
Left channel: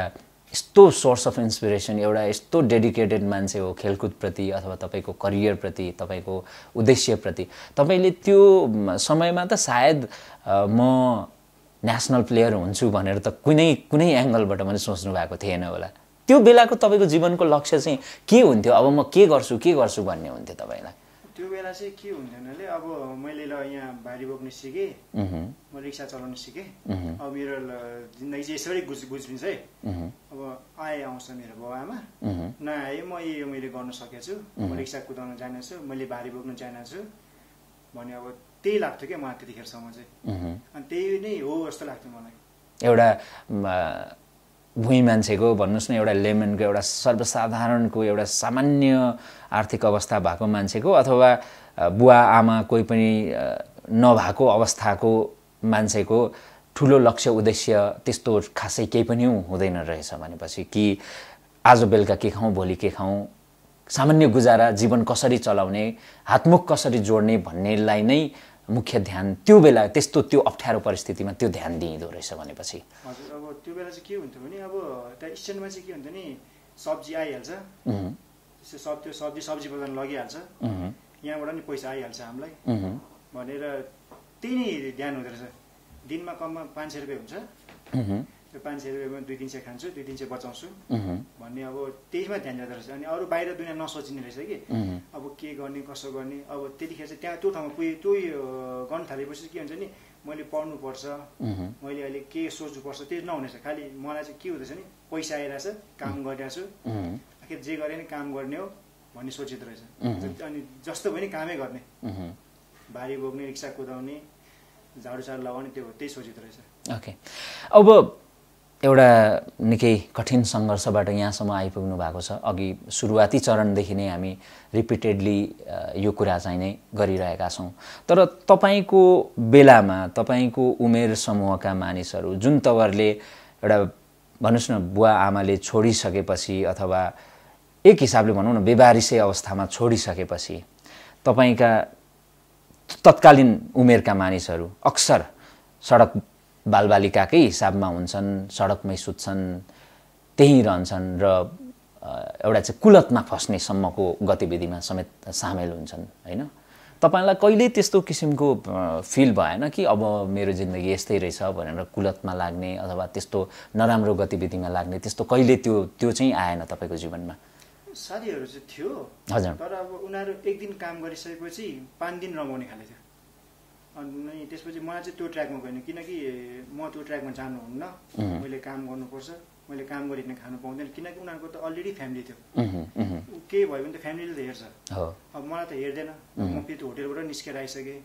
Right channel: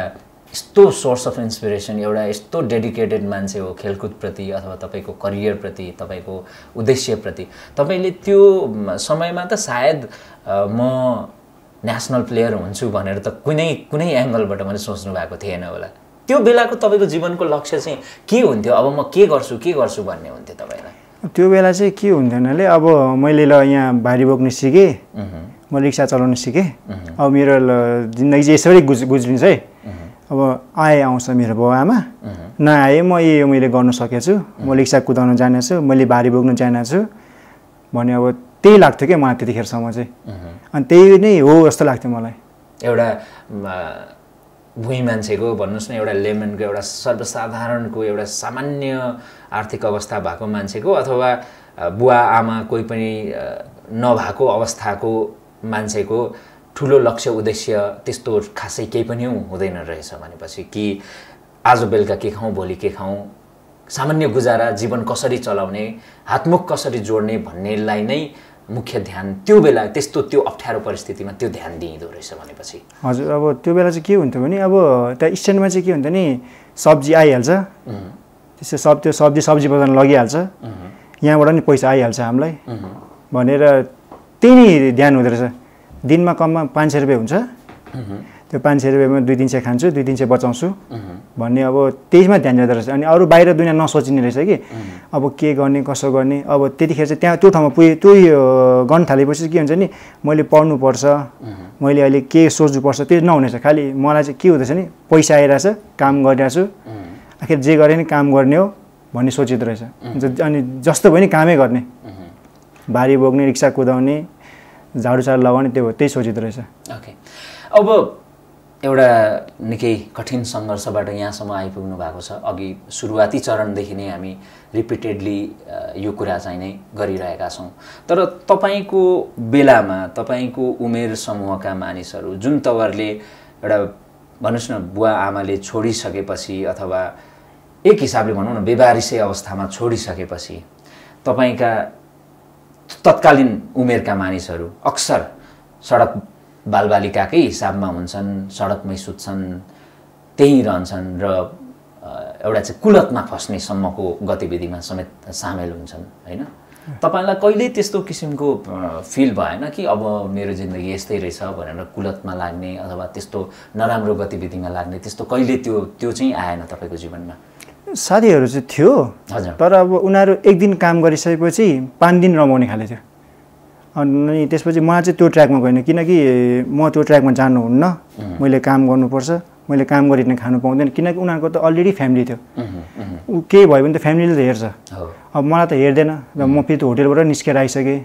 यस्तो सोर्स अफ इन्सपिरेसन, एउटा यस्तो डेडिकेटेड मान्छे हो खेलकुदप्रति अथवा तपाईँको करियरप्रति, तपाईँको उद्देश्यप्रति। तपाईँले त्यो समयमा त सायद म नेसनल प्लेयर हुन्छु भनेर त कुनै एङ्गलबाट मैले सोच्नु भएको थिएन होला। त्यो बेलाको तपाईँको जीवनको लक्ष्य चाहिँ के हुन्थ्यो? अब म के गर्छु भन्ने हुन्थ्यो तपाईँलाई? त्यो बेला चाहिँ के हुन्थ्यो भने अब मैले यहाँ भारी बोक्नु सिकेँ, म रिक्सा चलाउनु सिकेँ। अब मेरो जिन्दगी चाहिँ यसरी गुज्रिन्छ है। अब आउँछ मेरो बाउ आमा, नआए मैले गर्न सकेछु, म रिक्सा कुदाउन जानेछु, मैले भारी बोक्नु जानेछु भने अब त्यही लाग्थ्यो क्या मलाई त्यतिखेरसम्म चाहिँ। अनि त्यही नै हो जस्तो लाग्थ्यो मलाई। एउटा भुइँ मान्छेको भन्नुहोस् न, एउटा लेमनको, एउटा सर्वसाधारणको, एउटा सामान्य आर्थिक अवस्था भएको मान्छेको अथवा बुवा आमा कोही पनि नभएको अवस्थाको मान्छेको ठुलो लक्ष्य उद्देश्य त्यस्तो खासै केही पनि हुँदैन रहेछ भनेपछि कि आज बेलुका के खाउँ भोलि के खाउँ, सामान्य गुजारा जीवन कसरी चलाउने, हातमुख कसरी जोड्ने भन्नेलाई नै मुख्य ध्यान त्यो बेला त्यो अप्ठ्यारो परिस्थितिमा त्यो ध्यान दिइँदो रहेछ भनेपछि। हजुर, अब त्यो बेला चाहिँ के हुन्थ्यो भने अब त्यहाँ स्ट्यान्डमा चाहिँ के हुन्थ्यो नि, सब्जी आइहाल्छ, त्यसो सब्जी बजारमा लगिहाल्छ, यहाँबाट नि पैसा आइहाल्छ हामीलाई भनेर त्यही नै ध्यान हुँदो रहेछ। दिनमा कममा 500 रुपियाँ हुन्छ, त्यो 500 रुपियाँमा 2-3 खान्छु, 2-3 बचाउँछु भन्ने अब त्यसमा ध्यान दिँदो रहेछ। अनि अरू बाहिर दुनियाँ नसोचिने रहेछ कि अब के गर्ने कसो गर्ने। अब त्यतिखेर चाहिँ त्यहाँ त्यो ठाउँमा पुगेँ, त्यो गर्न थालेपछि के हुन्छ नि, मैले पढ्नुपर्छ, मैले अहिले के सोच्नुपर्छ त्यो नहुनेछ। खालि मलाई चाहिँ के हुँदैछ नि, पैसा आइरहेछ, काम गरिरहेको छु, आखिर जे गरे नि काम गर्ने हो भन्ने सोचिँदो रहेछ। अनि जस्तो भयो नि कामै गर्ने, भारी बोक्ने, रिक्सा कुदाउने, झाडुसाडु लगाउने, त्यही सोचिँदो रहेछ। ओके, अब एउटा निकै कठिन सङ्घर्षबाट यहाँसम्म आइपुग्नु भएको छ। अघि सुरुवाती चरणदेखि नै हामी रिपिटेडली यो कुरा चाहिँ नै गरिरहेका छौँ। तर तपाईँको बेलामा तपाईँको उमेर समूहका मानिसहरू जुन तवरले एउटा भन्नुहोस् न बुवा आमाले छोडिसकेपछि अथवा एक हिसाबले भनौँ न बेबारिसै अवस्थामा छोडिसकेपछि तपाईँका तत्कालीन उमेरका मानिसहरू अक्सर सडक बालबालिकाकै हिसाबमा हुन्छन्, सडकमै सुत्छन्, त्यहीँ रहन्छन् र एउटा चाहिँ कुलतमा फस्ने सम्मको गतिविधिमा समेत सामेल हुन्छन् हैन। तपाईलाई कहिल्यै त्यस्तो किसिमको फिल भएन कि अब मेरो जिन्दगी यस्तै रहेछ भनेर कुलतमा लाग्ने अथवा त्यस्तो नराम्रो गतिविधिमा लाग्ने त्यस्तो कहिले त्यो चाहिँ आएन तपाईको जीवनमा? साथीहरू चाहिँ थियो, हजुर, तर अब उनीहरू एक दिन काम गरिसकेपछि 5 दिन रमाउने खाले थियो। अनि त्यसपछि मलाई चाहिँ त्यो ट्र्याकमा गएन, किनकि म त्यो ट्र्याकमा जानुहुन्न, मैले काम गर्नुपर्छ, मैले काम गरिकन खानु पाउँदैन, किनकि उनीहरूको त अलरेडी फ्यामिली थियो। केही भयो भने त फ्यामिलीले त हेर्छ, अब मलाई त हेर्दैन र म फेरि त्यो होटेलबाट निस्केर आइसकेँ।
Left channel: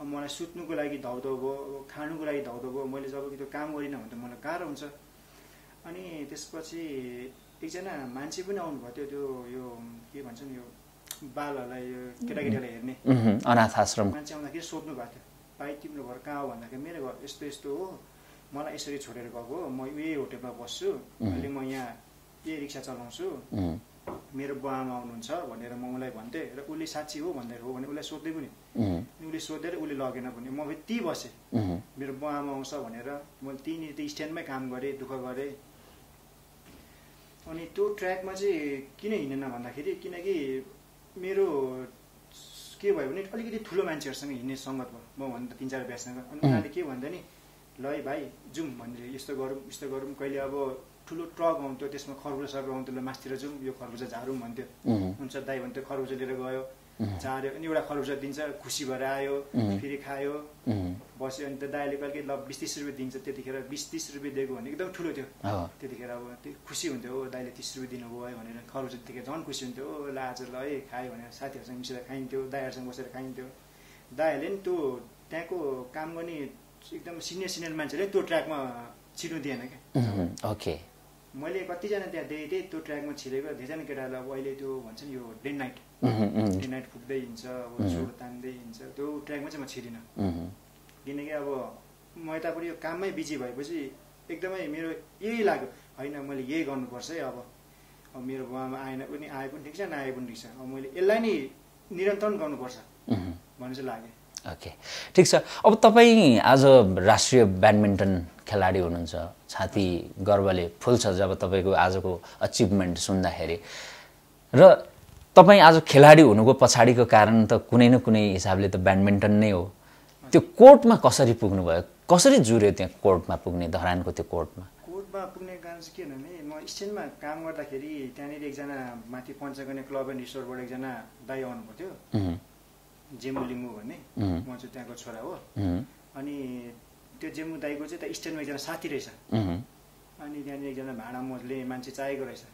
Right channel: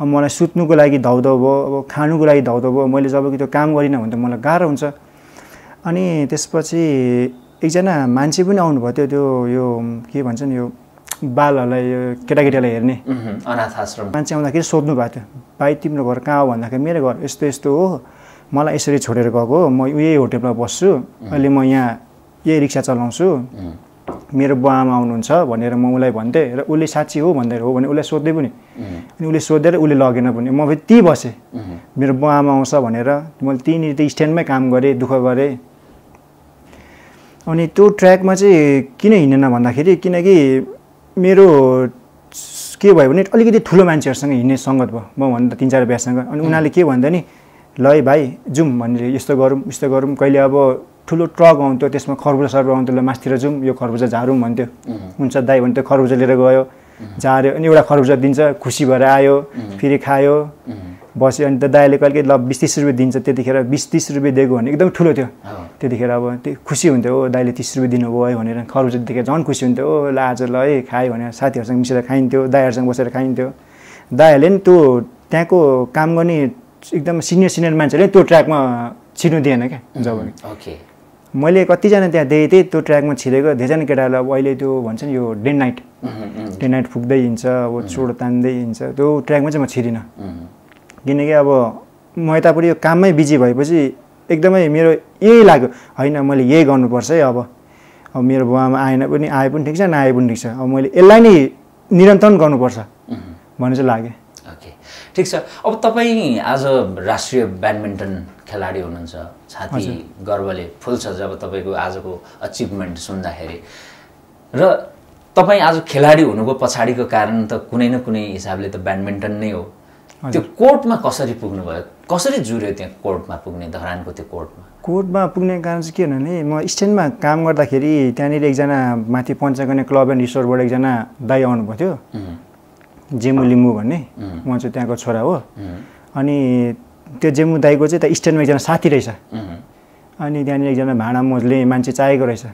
अब मलाई सुत्नुको लागि धाउधाउ भयो, अब खानुको लागि धाउधाउ भयो, मैले जब कि त्यो काम गरिनँ भने त मलाई गाह्रो हुन्छ। अनि त्यसपछि एकजना मान्छे पनि आउनुभयो थियो, त्यो यो के भन्छन् यो बालहरूलाई यो केटाकेटीलाई हेर्ने अनाथ आश्रम मान्छे आउँदाखेरि सोध्नु भएको थियो, भाइ तिम्रो घर कहाँ हो भन्दाखेरि मेरो घर यस्तो यस्तो हो, मलाई यसरी छोडेर गएको, म यही होटेलमा बस्छु, अहिले म यहाँ यही रिक्सा चलाउँछु, मेरो बुवा आमा आउनुहुन्छ भनेर म उसलाई भन्थेँ र उसले साँच्ची हो भन्दै हो भने उसलाई सोध्दै पनि, अनि उसले सोधेर उसले लगेन पनि, म फेरि त्यहीँ बसेँ, मेरो बुवा आमा आउँछ भनेर मैले त्यहीँनिर त स्ट्यान्डमै काम गरेँ, दुःख गरेँ। अनि त्यो ट्र्याकमा चाहिँ किन हिँडेन भन्दाखेरि किनकि मेरो के भयो भने अलिकति ठुलो मान्छेहरूसँग हिँड्ने सङ्गत भयो, म भन्दा 3-4 बिहासँग। अनि उनीहरूले के भन्दा नि ल है भाइ जाउँ भनेर, यस्तो गरौँ उस्तो गरौँ, कहिले अब ठुलो ट्रक आउँथ्यो त्यसमा खरबुजा सर्व आउँथ्यो, ल मास्तिर जाउँ यो खरबुजा झारौँ भन्थ्यो, हुन्छ दाइ भन्थ्यो, खरबुजा लिएर गयो, झार्यो, अनि एउटा खरबुजा दिन्छ, खुसी भएर आयो, फेरि खायो, बस्यो। अनि त दाइले कहिले ल 20-30 रुपियाँ दिन्छ, त्यतिखेर 20-30 रुपियाँ दिएको भने एकदम ठुलो थियो, त्यतिखेर अब त्यो खुसी हुन्थ्यो, ओ दाइले 30 रुपियाँ दिनुभयो है भनेर, खरबुजा देखेर झन् खुसी हुन्थ्यो, ओ ल आज ल है खायो भनेर साथीहरूसँग मिसेर खाइन्थ्यो, दाइहरूसँग बसेर खाइन्थ्यो। दाइहरूले नि त्यो त्यहाँको काम गर्ने एकदम सिनियर मान्छेहरूले त्यो ट्र्याकमा छिर्नु दिएन क्या जब। ओके, मैले कतिजना त्यहाँ देखेँ थिएँ त्यो ट्र्याकमा छिरेको, धेरैजना केटाहरूले अब अहिले त्यो भन्छ नि यो डे नाइट फुक्दै हिँड्छ, अब चोड तान्दै हिँड्छ, त्यो ट्र्याकमा चाहिँ म छिरिनँ। किनकि अब म यतापट्टि यो काममै बिजी भएपछि एकदमै मेरो यही लाग्यो, होइन मैले यही गर्नुपर्छ है, अब मेरो बुवामा आए पनि ठिक छ, नआए पनि ठिक छ, अब मैले यसलाई नै निरन्तरण गर्नुपर्छ भन्ने चाहिँ लाग्यो। ओके, ठिक छ। अब तपाईँ आज राष्ट्रिय ब्याडमिन्टन खेलाडी हुनुहुन्छ, छाती गर्वले फुल्छ जब तपाईँको आजको अचिभमेन्ट सुन्दाखेरि। र तपाईँ आज खेलाडी हुनुको पछाडिको कारण त कुनै न कुनै हिसाबले त ब्याडमिन्टन नै हो। त्यो कोर्टमा कसरी पुग्नुभयो, कसरी जुर्यो त्यहाँ कोर्टमा पुग्ने, धरानको त्यो कोर्टमा पुग्ने कारण चाहिँ के भने म स्ट्यान्डमा काम गर्दाखेरि त्यहाँनिर एकजना माथि पञ्चकन्या क्लब एन्ड रिसोर्टबाट एकजना दाइ आउनुभएको थियो, जेमु लिम्बू भन्ने, म चाहिँ त्यहाँको छोरा हो। अनि त्यो जेमु दाइको चाहिँ त्यहाँ स्ट्यान्डमा एकजना साथी रहेछ, अनि त्यहाँनिर एकजना भाँडा मोल्ने मान्छे चाहिएको रहेछ।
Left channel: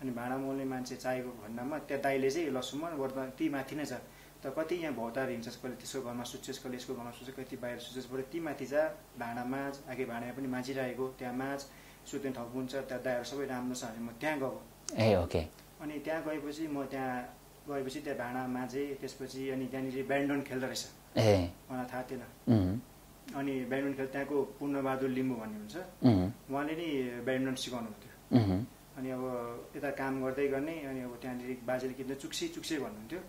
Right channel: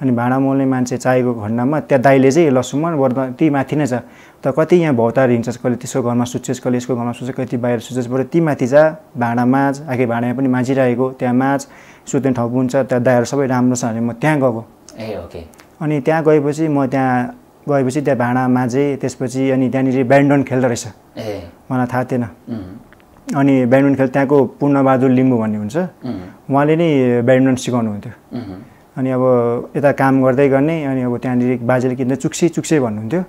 अनि भाँडा मोल्ने मान्छे चाहिएको खण्डमा त्यहाँ दाइले चाहिँ ल सुमन वर्तमान त्यही माथि नै छ, त कति यहाँ भौतार हिँड्छस्, कहिले त्यसको घरमा सुत्छस्, कहिले यसको घरमा सुत्छस्, कति बाहिर सुत्छस्, बरु ती माथि जा, भाँडा माझ, आखिर भाँडा पनि माझिरहेको, त्यहाँ माझ, सुत्ने ठाउँ हुन्छ, त्यहाँ दाइहरू सबै राम्रो छ भने म त्यहाँ गएको। ए ओके। अनि त्यहाँ गएपछि त्यहाँ भाँडा माझेँ, त्यसपछि अनि त्यहाँनिर ब्याडमिन्टन खेल्दो रहेछ, मलाई थाहा थिएन। अनि ब्याडमिन्टन त्यहाँको पूर्णबहादुर लिम्बू भन्ने हुन्छ, उहाँले नै ब्याडमिन्टन सिकाउनु हुन्थ्यो। अनि अब यता काम गर्दै गर्ने अनि अब त्यहाँनिर बाजेले किन चुक्से भन्नुहुन्थ्यो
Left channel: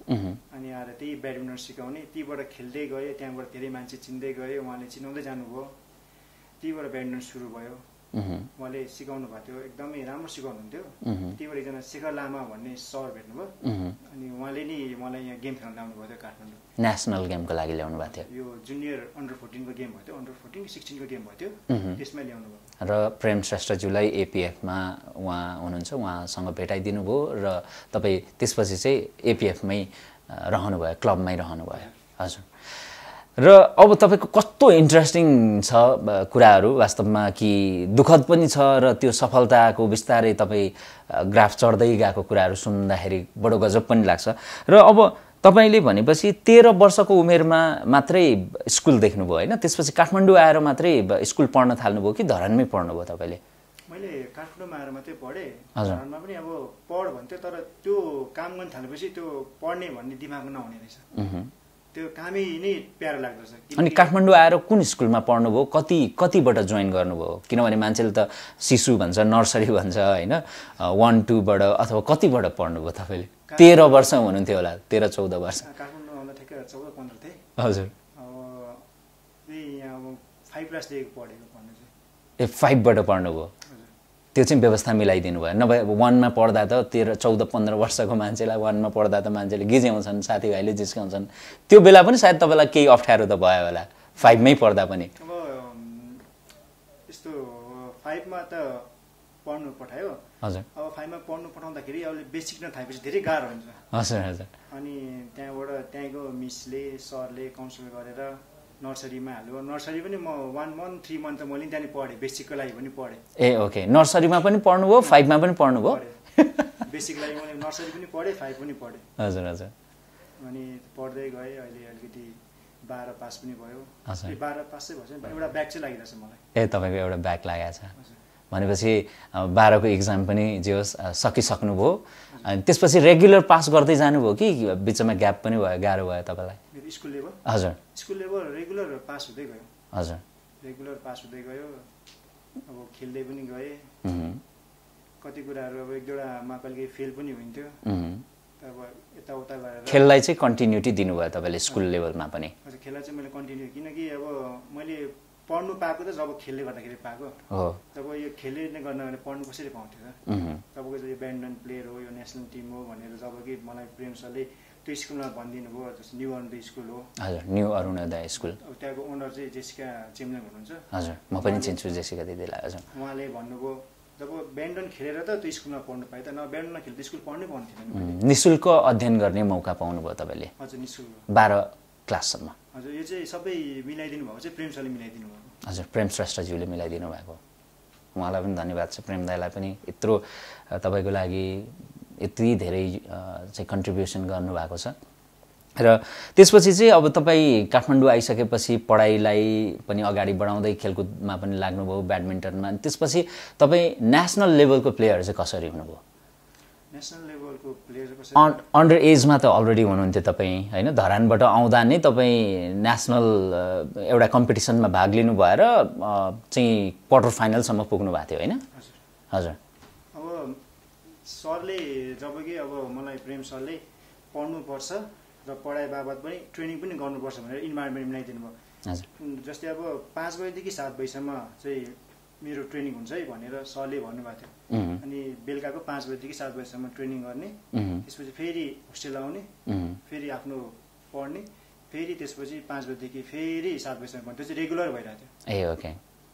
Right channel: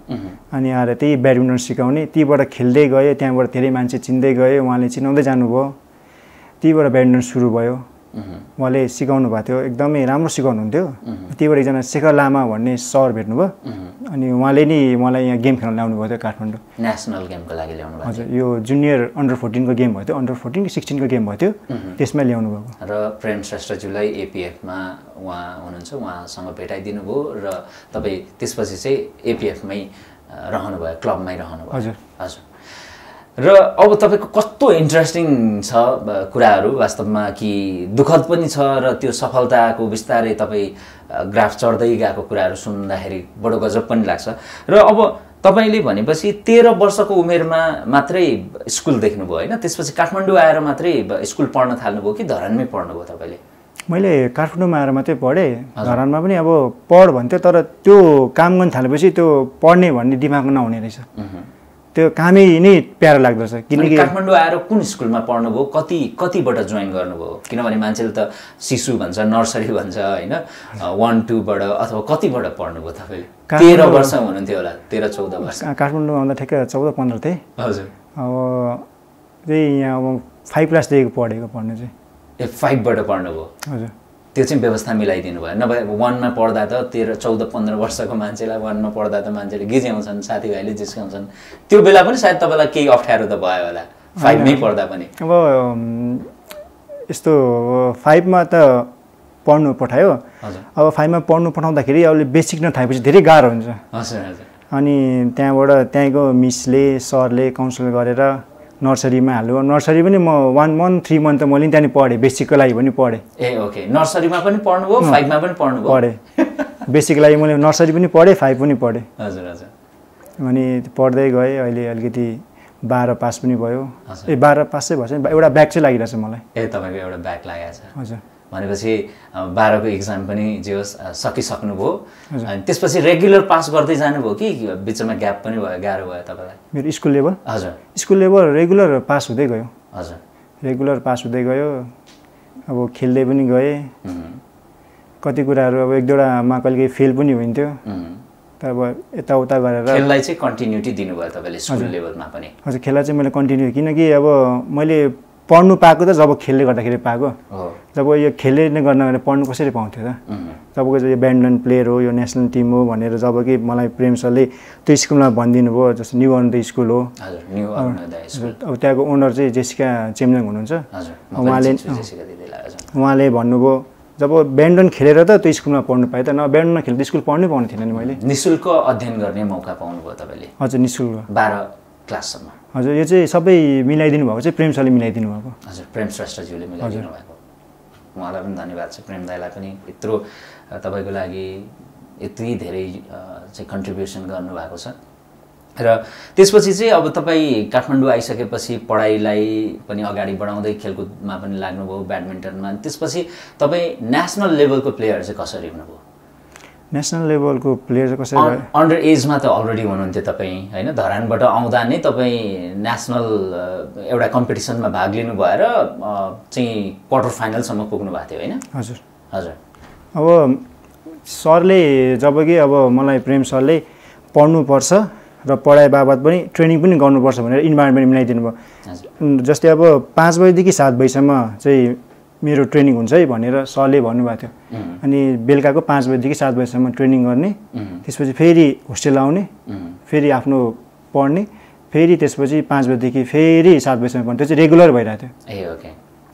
अनि आएर त्यही ब्याडमिन्टन सिकाउने त्यहीबाट खेल्दै गएँ त्यहाँबाट धेरै मान्छे चिन्दै गयो उहाँले चिनाउँदै जानुभयो त्यहीबाट ब्याडमिन्टन सुरु भयो उहाँले सिकाउनु भएको थियो एकदमै राम्रो सिकाउनुहुन्थ्यो त्यहीबाट एकजना शेखर लामा भन्ने सर भेट्नुभयो अनि उहाँले नि मलाई यहाँ गेम खेल्न ल्याउनु भयो थियो काठमाडौँ नेसनल गेमको लागि ल्याउनु भएको थियो यो जुनियर अन्डर 14 को गेम भयो थियो अन्डर 14 कि 16 को गेम भयो थियो त्यसमै ल्याउनु भएको र प्रेम श्रेष्ठज्यूलाई एपिएफमा उहाँ हुनुहुन्छ उहाँसँग भेटाइदिनु भयो र तपाईँ त्यसपछि चाहिँ एपिएफमै रहनुभयो क्लबमै रहनुभयो हजुर हजुर र अब तपाईँको कस्तो इन्ट्रेस्टिङ छ कुराहरू वास्तवमा कि दुःखद पनि छ र त्यो सफलताको बिस्तारै तपाईँ ग्राफ चढ्दै गएको कुराहरू सुन्दाखेरि बडो गजब पनि लाग्छ र अब तपाईँले भनेपछि 13 वर्षको उमेरमा मात्रै स्कुल देख्नुभयो होइन त्यसपछि काठमाडौँ आएर मात्रै स्कुल पढ्न थाल्नुभयो कि धरानमै पढ्नुभयो तपाईँले मैले काठमाडौँमा आएर मात्रै पढेँ धरानमा पनि अब पढ भन्थ्यो तर त्यो काम गर्न थालेपछि त्यो पढ्ने भन्ने दिमागमा नहुने रहेछ त्यो कामै नै प्यारो लाग्दो रहेछ किनकि काठमाडौँ आएर कुन स्कुलमा पढ्नुभयो कतिबाट जोइन गर्नुभयो किनभने मान्छेले त शिशु भन्छ नर्सरी भन्छ होइन 1-2 बाट अथवा कतिबाट पढ्नुभयो तपाईँले 13 वर्ष हुनुहुन्थ्यो होला 13-14 वर्ष काठमाडौँ आउँदा ठ्याक्कै 14-15 थिएँ हजुर अब त्यही यहाँ अब 5 क्लासदेखि पढ्नु चाहिँ 5 बाट पढ्नुभयो हजुर त्यो चाहिँ व्यवस्था मिलाइदिनु भयो नभए 1 मा पढ्दा त 13-14-15 वर्षको मान्छेलाई 1 मा पढ्दा त मान्छेले गिज्याउँछन् साथीभाइले जिस्काउँछन् त्यो बेला पनि सायद तपाईँलाई केही अप्ठ्यारो त भयो होला 5 मै पढ्दा पनि अब यस्तो 5 मा त पढ्नु पठायो हजुर अब 5 मा पढ्नु पठाउँदाखेरि अहिले बेसिक नथाएपछि धेरै गाह्रो हुन्छ हजुर हजुर अनि त्यहाँबाट त्यहीँको मिसले सरले काउन्सिल गरेर नर्सरीमा हाल्यो नर्सरी पनि म 1 month 3 month त मैले त्यहाँनिर पढेँ बेसिकको लागि पनि पढेँ ए ओके नर्सरीमा पनि पढ्नुभयो 5 मा पनि पढ्नुभयो पढेँ बेसिकको लागि मैले नर्सरी पनि पढेँ 5 पनि पढेँ हजुर हजुर अनि पढ्दै गएँ अहिले अलिकति 12 पास पनि भयो 12 पास चाहिँ भएछ एउटा ब्याक चाहिँ लागिरहेछ मलाई तपाईँको एउटा ब्याक लागेको छ हजुर भनेपछि 12 को एक्जाम पनि जे होस् सकिसक्नुभयो अनि त्यसपछि रेगुलर पास गर्दै जानुभयो कि बिचमा ग्याप पनि भयो गाह्रो भयो तपाईँलाई मेरो स्कुल लेभल हजुर स्कुल लेभल रेगुलर पास हुँदै गयो हजुर रेगुलर पास हुँदै गयो अब खेल्दै पनि गएँ कति कुराहरू अब एक दुईवटामा कहिले फेल पनि हुन्थ्यो तर अब यताउता गरेर खेललाई चाहिँ कन्टिन्युटी दिनुभयो तपाईँले स्कुल लेभलमा पनि हजुर खेललाई चाहिँ मैले कन्टिन्यू किनकि अब मैले पढ्नु पाएको त जब खेल्दै गर्दाखेरि पाएको जब यो खेल्दै नै गर्न पढ्नु कसरी पाउँथ्यो त जबको यो ब्याडमिन्टन प्लेयर हो यो नेसनल टिम हो भनेर जब कि मलाई प्रेम सरले त्यो स्कुलमा भनिदिनु भयो जस्तो न्यू अरुणोदय स्कुल हो हजुर न्यू अरुणोदय स्कुल अब त्यहाँको ओनर चाहिँ जेसिका चेम्जङ हुनुहुन्छ हजुर उहाँले भन्नुभयो जब ब्याडमिन्टन खेलेर त त्यो स्कुलमा पढ्नु पाएँ त न ब्याडमिन्टन खेल्दा स्कुल पढ्नै पाउने थिएन नि मैले निःशुल्क अध्ययन गर्ने मौका पाउनुभयो तपाईँले हजुर निःशुल्क 12 क्लाससम्म हजुर यो चाहिँ सबै मिलाइदिनु भएको चाहिँ प्रेम सरले मिलाइदिनु भएको हजुर प्रेम श्रेष्ठज्यूले मिलाइदिनु भएको उहाँलाई पनि धन्यवाद छ प्रेम दाइलाई पनि यत्रो तपाईँको लागि यति धेरै चाहिँ कन्ट्रिब्युसन गर्नुभएको छ र त्यसपछि चाहिँ अब तपाईँ काठमाडौँ आइसकेपछि पढाइलाई पनि अगाडि बढाउँदै खेलकुदमा पनि लाग्नुभयो ब्याडमिन्टनमा त्यसपछि तपाईँ नेसनल लेभलको प्लेयर चाहिँ कसरी हुनुभयो नेसनल लेभलको प्लेयर कसरी अन्डर एजमा त अलरेडी हुनुहुन्थ्यो तपाईँ होइन धरानबाट आउँदा नै तपाईँ नेसनल एउटा कम्पिटिसनमा भाग लिनु भएर चाहिँ क्वार्टर फाइनलसम्म पुग्नु भएको थियो होइन हजुर हजुर अब सरले जब कि अब मलाई प्रेम सरले पढ्नुपर्छ र पढाइ बाबत पनि ट्रेनिङ पनि गर्नुपर्छ भनेर इन्भाइरोमेन्ट मिलाइदिनु भयो हजुर जस्तै अब 5 बजेदेखि 7 बजीसम्म चाहिँ मेरो ट्रेनिङ हुन्छ है भनेर सरले भन्नुभएको थियो अनि बेलुकाको 5 बजेदेखि 7 बजीसम्म ट्रेनिङ गर्ने त्यसपछि फेरि होस्टेल आउने फेरि आफ्नो पढ्ने फेरि त्यसपछि 5 बजेदेखि फेरि 7 बजीसम्म पढ्ने त्यो चाहिँ रेगुलर भइरहेको थियो ए ओके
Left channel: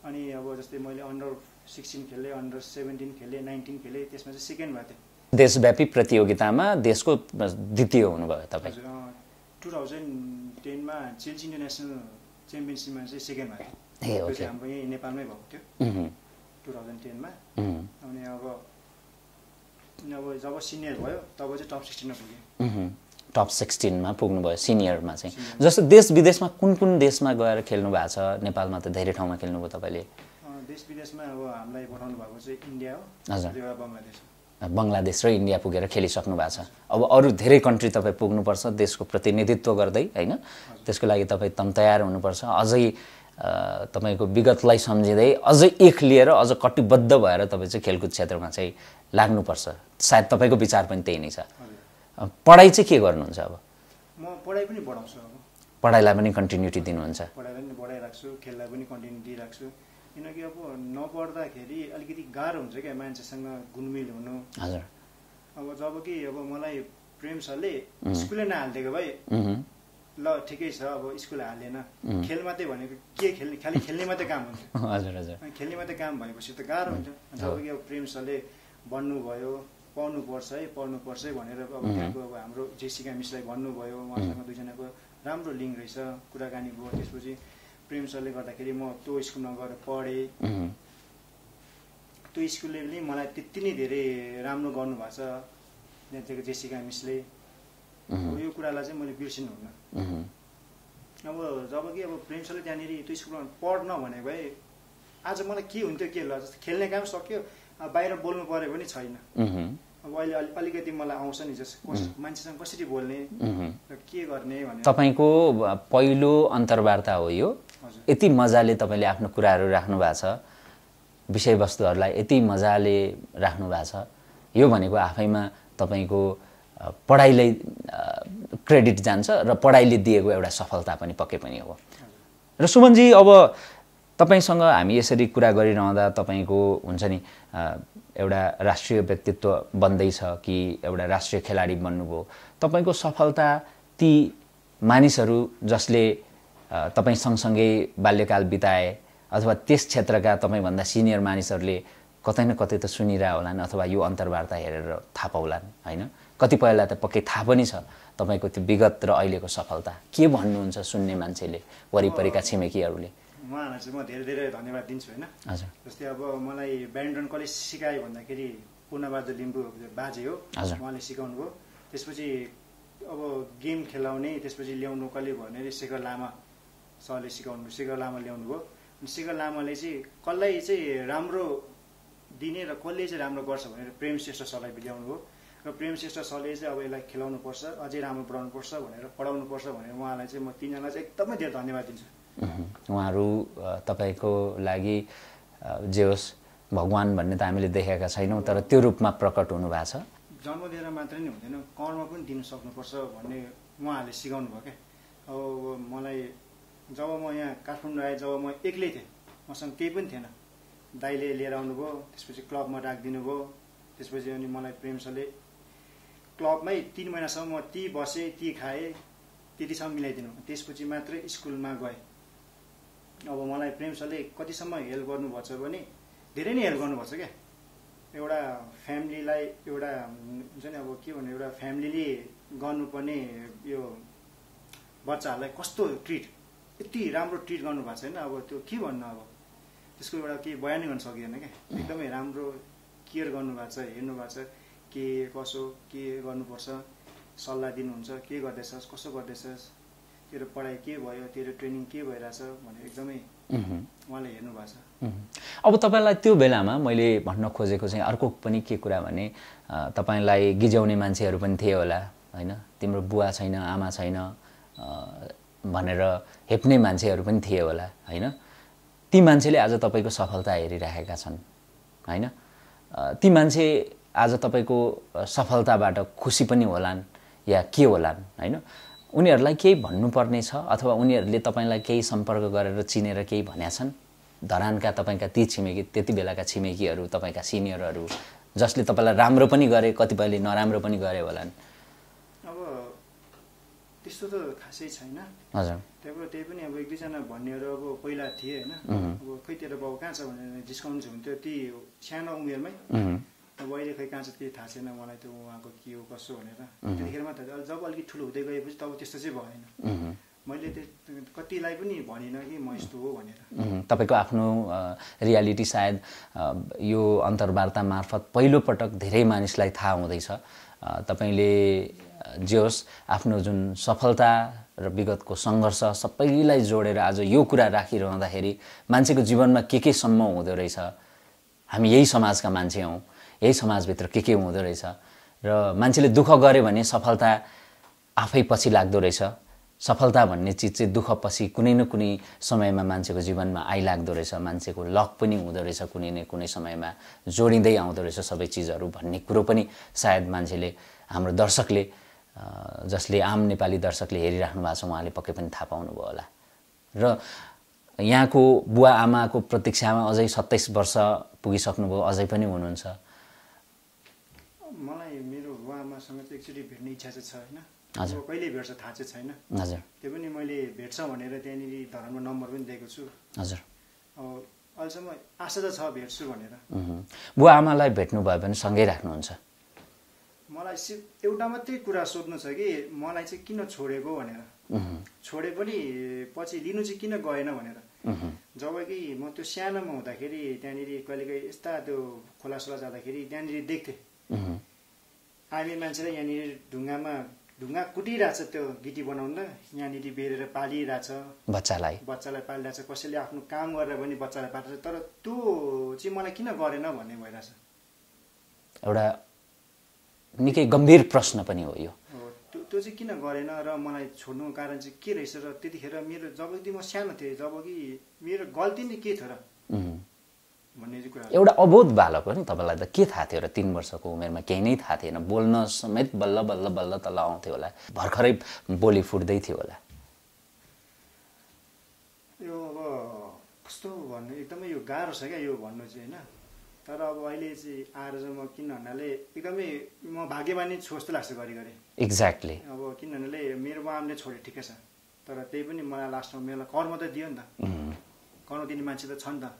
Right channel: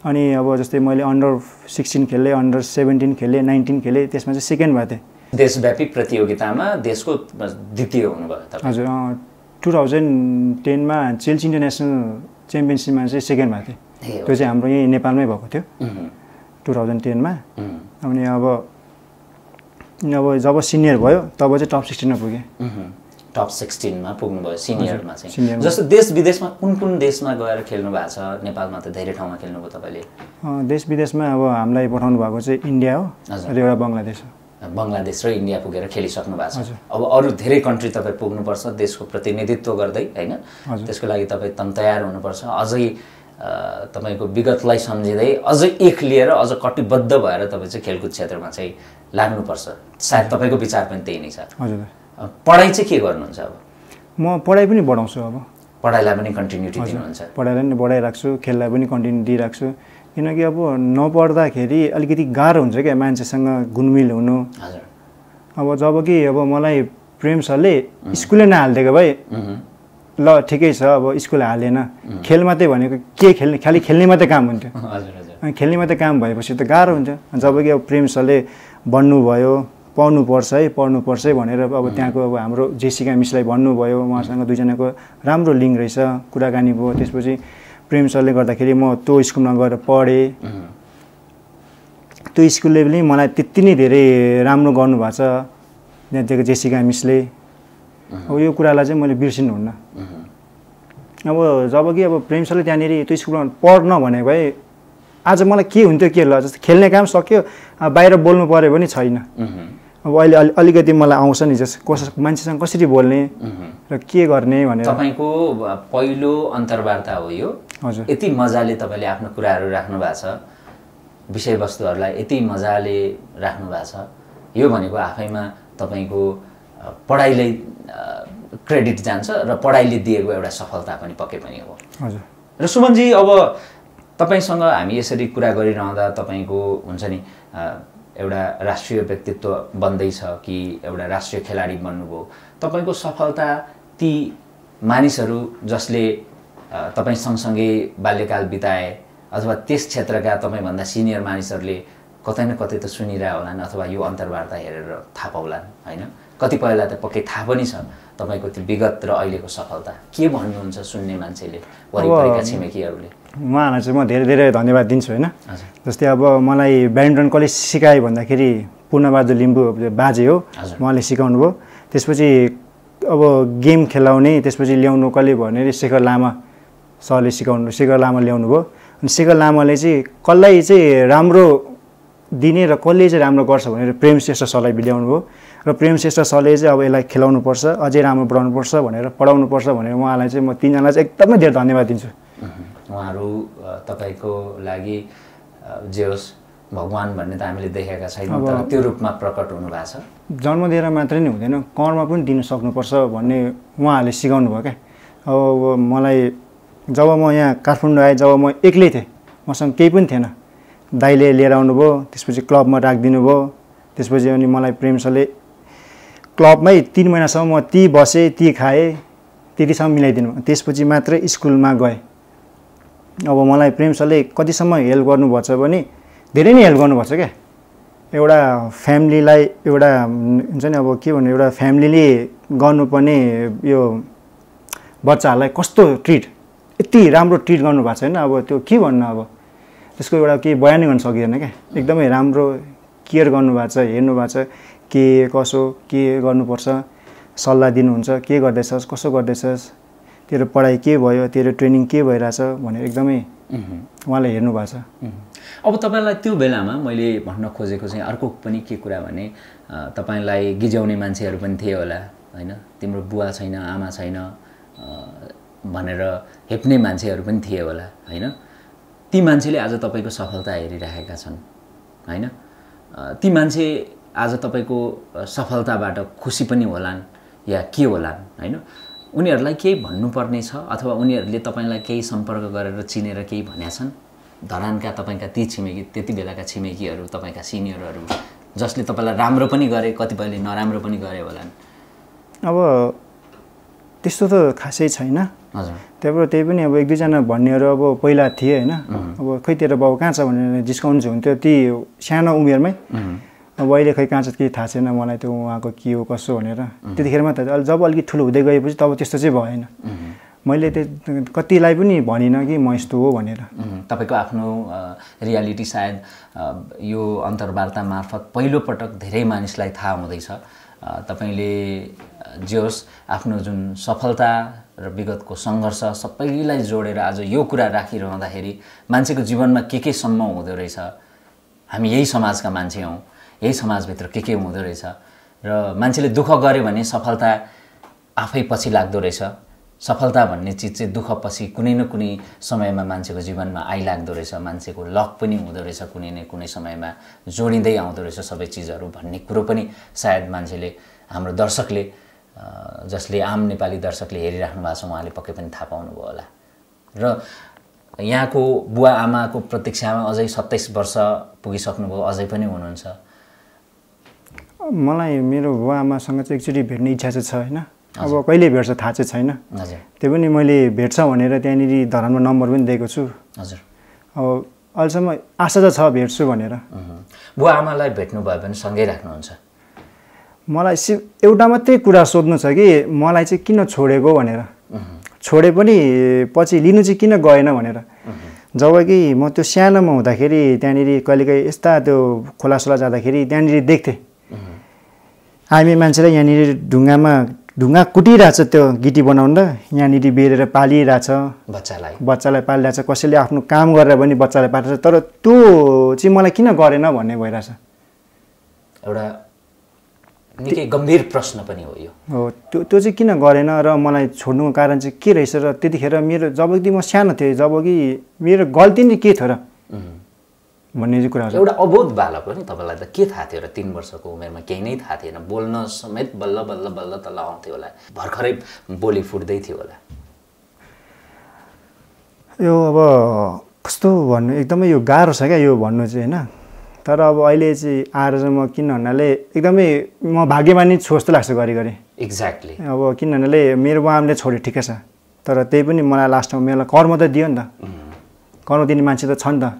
अनि अब जस्तै मैले अन्डर 16 खेलेँ अन्डर 17 खेलेँ 19 खेलेँ त्यसमा चाहिँ सेकेन्ड भएको थिएँ देशव्यापी प्रतियोगितामा देशको द्वितीय हुनुभयो तपाईँ हजुर 2010 मा चेल्सी इन्टरनेसनल च्याम्पियनसिपमा चाहिँ सेकेन्ड भएको थिएँ त्यो चाहिँ हाम्रो यही नेपालमै भएको थियो 2010 मा अनि अब जब सिनियर भयो तब चाहिँ टप 16 मा पुगेँ टप 16 मा पुग्नुभयो सिनियरमा चाहिँ जस्तो देश विदेशमा कुन देशमा गएर खेल्नु भएको छ नेपालमा त धेरै ठाउँमा खेल्नुभयो तपाईँले देश विदेशमा अब हामीलाई पठाउनु भएको चाहिँ इन्डिया हो र एउटा बङ्गलादेश हो बङ्गलादेश र इन्डिया पुगेर खेलिसक्नु भएको छ अब अरू धेरै कन्ट्री तपाईँ पुग्नुपर्छ देशको प्रतिनिधित्व गर्दै होइन त्यसको लागि तपाईँ तयार हुनुपर्छ अझै तपाईको विगतलाई सम्झिँदै अझ एक लिएर अझ कटिबद्ध भएर तपाईँ चाहिँ खेलकुद क्षेत्रमा चाहिँ लाग्नुपर्छ। सायद तपाईँको विचार पनि त्यही नै छ। हजुर। पढाइ चाहिँ के गर्नुहुन्छ अब? म पढाइ पनि बढाउँछु। अब पढाइलाई पनि कन्टिन्युटी दिनुहुन्छ? पढाइलाई पनि बढाइराख्छु, खेललाई पनि कन्टिन्यू दिइराख्छु। किनकि अब नपढ्दाखेरि अलिकति गाह्रो हुन्छ क्या मान्छेसँग घुलमिल हुनु। हजुर। अब जब कि अब मलाई प्रेम सरले स्कुलै नहालिदिएको भए ल ठिकै छ, अब स्कुल हालेन, खेल मात्रै भनेको के खेल्ने, खालि खेल्ने मात्रै काम हुन्थ्यो। हजुर हजुर। अनि खेल्ने मात्रै काम भएपछि त गाह्रो हुन्छ। जब कि अब प्रेम सरले भन्नुभयो पढ्नुपर्छ है, पढ्नुपर्छ है भनेर अब त्यहाँको अब हाम्रो जेसिका मिसलाई भन्नुभयो, उहाँसँग दुईजनाको राम्रो लिङ्क रहेछ, कुराकानी भयो। त्यसपछि प्रेम सरले गर्दाखेरि म त्यो स्कुलमा गएर पढेँ। त्यो स्कुलले पनि मलाई त्यति नै धेरै राम्रो गर्नुभएको छ त्यहाँको जेसिका मिसले। अब यो कुरालाई चाहिँ मैले बिर्सिनुहुन्न। अब जब कि अब प्रेम सरले त्यहाँनिर त्यो स्कुलमा पढ्न भनेको भए आज मलाई के हुन्थ्यो, के ल जस्तो खेल्ने काम सक्यो, बाहिर बोल्नु पऱ्यो भने छैन। अब अहिले अलिकति मलाई आउँछ नि जस्तो मान्छेसँग कसरी बोल्ने र के गर्ने भनेर। तपाईँको पहिलो अन्तर्वार्ता हो यो? हजुर। यति मजाले तपाईँले आफ्नो कुराहरू राख्नु भएको छ, विषयवस्तुहरूलाई यति मजाले राख्नु भएको छ, यो भनेको आफैमा तपाईँको पढाइलाई क्रेडिट जान्छ र पढाइले दिएको एउटा सफलता पनि पक्कै पनि हो। हजुर। र सुमनजी, अब तपाईँसँग हामी यसरी कुरा गरिरहँदा तपाईँको हुन्छ नि एउटा राष्ट्रिय व्यक्तित्व बन्दैछ कि एउटा राष्ट्रिय खेलाडी बन्नुभयो, तपाईँको सफलता ती मानिसहरू जसले तपाईँ सँगसँगै बाल्यकाल बिताए अथवा त्यस क्षेत्रका तपाईँभन्दा सिनियर मानिसहरूले कतै न कतै त सुनिरह होलान् अथवा यो अन्तर्वार्ता हेरेर थाहा पाउलान् होइन? कतिपयलाई त पक्कै थाहा पनि छ तपाईँको त्यो विगत र अहिलेको सफलता। के भन्नुहुन्छ सुन्ने मान्छेले, वरिपरिका छिमेकीहरूले? उहाँहरूलाई चाहिँ म धेरै धेरै धन्यवाद दिन्छु होइन। हजुर। जस्तै अब मलाई ब्याडमिन्टन कसले सिकायो भन्दाखेरि पूर्णबहादुर लिम्बू बाजे हो, उहाँले सिकाउनु भयो। त्यसपछि अब गेम खेलाउने त्यसपछि ल्याउनु कसले भने शेखर लामा सरले सिकाउनु, शेखर लामा ल्याउनु भयो। अनि शेखर लामाले चाहिँ कसलाई चाहिँ राम्रो दिने र कसले चाहिँ राम्रो गर्छ भनेर प्रेम श्रेष्ठ सरलाई ल्याउनु भयो। र प्रेम श्रेष्ठ सरले चाहिँ अब यसलाई खेलाउनुपर्छ, अझै राम्रो पढाउनुपर्छ भनेर पढाउनुपर्छ भनेर उहाँलाई चाहिँ म तिनजनालाई चाहिँ एकदमै धेरै धन्यवाद दिन्छु। उहाँहरू तपाईँको लागि जे होस् भगवान् भन्ने त हामीले देखेका छैनौँ, तर त्यो रूपमा प्रकट हुनुभएको छ। जन्म दिएर मात्रै नै हुँदैन, कर्म पनि दिनु सक्नुपर्छ भन्ने उहाँहरूले सिकाउनु भयो क्या। अब मलाई जब म यहाँ काठमाडौँ आएँ, जब म एक्लै थिएँ, मसँग केही पनि थिएन, दाइले लिएर आउनुभयो, त्यसपछि क्लबमा राखिदिनु भयो। त्यसपछि अनि मलाई प्रेम सरले क्लबमै 3 महिनासम्म म ती बसेँ, ती खाएँ, त्यतिसम्म मिलाइदिनु। त्यसपछि मात्रै स्कुलमा गएँ। अब मलाई प्रेम सरले कतिसम्म हेल्प गर्नुभएको छ भने धेरै नै हेल्प गर्नुपर्छ क्या। एउटा फ्यामिलीलाई एउटा हुन्छ नि, अब के भन्नु, एउटा फ्यामिलीले गर्नुपर्ने यो बच्चाहरूलाई कस्तो ट्रिट, यति राम्रो ट्रिट गर्नुभएको छैन। अब त्यो के भन्नु, अब त्यसको एउटा केही बयानै गर्न सकिँदैन क्या। एकदमै राम्रो केयर गर्नुभएको छ, हेर्नु भएको छ के कसो के गर्नुपर्छ, सल्लाह दिनुहुन्छ, के गर्दैछस्, कसो गर्दैछस्, तेरो पढाइ के भयो, तेरो ट्रेनिङ के भइरहेछ भनेर एकदमै उहाँले हेर्नु भएको छ। अब तपाईँलाई त्यो बेलामा मैले भन्न खोजेको चाहिँ अर्को पनि के कुरा भने, तपाईँलाई गिज्याउने मान्छेहरू पनि थिए होला होइन? तिम्रो बुवा छैन, आमा छैन भनेर हेप्ने मान्छेहरू पनि थिए होला होइन? ती मान्छेले आज तपाईँको सफलता हेरिरहेका छन् होइन? ती मान्छे आज तपाईँको सफलताबाट खुसी पनि होलान् या के होलान् होइन? उनीहरूलाई केही भन्नुपर्ने छ अथवा उनीहरूले तपाईँलाई केही सम्पर्क गरेर चिनेर केही भनेका छन्? धरानका तपाईँका ती छिमेकी, त्यति बेलाका छिमेकीहरू, तपाईँका सिनियरहरू जसले तपाईँलाई राम्रो पनि गरे, कतिपयले नराम्रो पनि गरे होलान्? अब त्यस्तो त खासै छैन। हजुर। त्यही पनि अब 1-2 जना भन्नेहरू अब पहिला थिए होइन। अब खै तेरो बाउ कहाँ छ भनेर जिस्काउनु हुन्थ्यो ती सानो उमेरमै। अब अहिले खै कहाँ छ केही थाहा छैन मलाई, त्यो उहाँको के हो कसो भनेर। त्यतिखेर मात्र, जब अलिकति ठुलो हुँदै गएपछि तब त्यस्तो चाहिँ भएन। मैले कतिलाई पनि भनिनँ कि म यस्तो हो भनेर। तपाईँको आफ्नो रियालिटी सायद यो अन्तर्वार्ता मार्फत पहिलोपटक धेरै मानिसलाई थाहा हुँदैछ। तपाईँले जे होस् आफ्नो जुन सफलता र विगतको सङ्घर्ष सबैलाई जोडेर आज यो कुरा राखिरहँदाखेरि मान्छेको जीवनमा के सम्म हुँदो रहेछ, हामी यही समाजका मान्छे हौँ, यही समाजभित्र के हुँदो रहेछ र मान्छेले दुःख गरे भने सफलता आफै पछि लाग्दो रहेछ, सफलता भन्ने चिज चाहिँ दुःखपछि कुनै न कुनै समयमा मान्छेको जीवनमा आइलाग्दो रहेछ, मान्छेको लक पनि हुँदो रहेछ, कुनै न कुनै समयमा जोडिँदै आउँदो रहेछ सबै चिजहरू भन्ने कुरो पनि सायद मान्छेले, हाम्रो दर्शकले, जसले आम नेपाली दर्शकले हेरिराख्नु भएको छ उहाँले पक्कै पनि थाहा पाउनुभयो होला। र यहाँको बुवा आमाको प्रतीक्षामा अझै 27 वर्ष पुगिसक्नुभयो, अझै पनि हुनुहुन्छ। मलाई मेरो बुवा आमासँग चाहिँ एकचोटि भेट्ने इच्छा चाहिँ छ होइन। अब कहिले भेट्छ थाहा चाहिँ छैन। हजुर। त्यो पनि मैले भेट्छ भनेर त्यहाँनिर धरानमा नम्बर पनि दिएको छु। हजुर। अब अहिलेसम्म आशा त छ भेट्छु भनेर। बुवा आमालाई भेट्नुभयो भने सँगै राख्नुहुन्छ? मलाई एउटा मात्रै कुरा सोध्नु छ कि मलाई चाहिँ किन छोडेको भनेर। छोडे पनि पछि लिनु चाहिँ किन गएन भनेर। जब कि म त्यो सानोमा हुँदाखेरि त्यहाँनिर कहिलेकाहीँ यस्ता त्यो खोलासोला जाँदाखेरि त्यहाँनिर देख्थेँ हामी मान्छेलाई यहाँनिर ढुङ्गा कुटिरहेछ त्यो गिटी बनाउँदा, यहाँनिर बेरेर पालिरहेछ बच्चालाई पालिरहेछ, कसैले आफ्नो काम गरेर पनि बच्चालाई पालिरहेछ। तर त्यो चाहिँ मलाई किन गरेन भन्ने भइरहेछ। एउटा निकै गम्भीर प्रश्न पनि हो यो। हो, त्यो चाहिँ किन गरेन र मलाई छोड्नुको कारण चाहिँ के रहेछ। र त्यतिखेर मेरो जब कि म सानो थिएँ, जब कि मेरो गल्ती नै के थियो र भन्ने चाहिँ कुरा। एउटा अबोध बालक हो नि, तपाईँलाई त के थाहा थियो र 3 वर्षको उमेरमा केही नै थाहा थिएन, बोल्न समेत बल्ल बल्ल बल्ल तल आउँथ्यो होला, भर्खरै बोली फुट्दै थियो होला। यो अब कस्तो भन्नु, एकदमै यो गाह्रो छ क्या यो भन्नु चाहिँ होइन। तर अब अहिले चाहिँ आएर चाहिँ म किन भन्नाले एकदमै म भाग्यमानी छु जस्तो लाग्छ घरिघरि। एक्ज्याक्टली। अब किन भन्नाले मेरो बाबाले छोड्यो ठिकै छ, तर त्यही पनि मलाई लास्टमा मेरो कर्म त दियो नि त। कर्म दिने मान्छे त छ नि त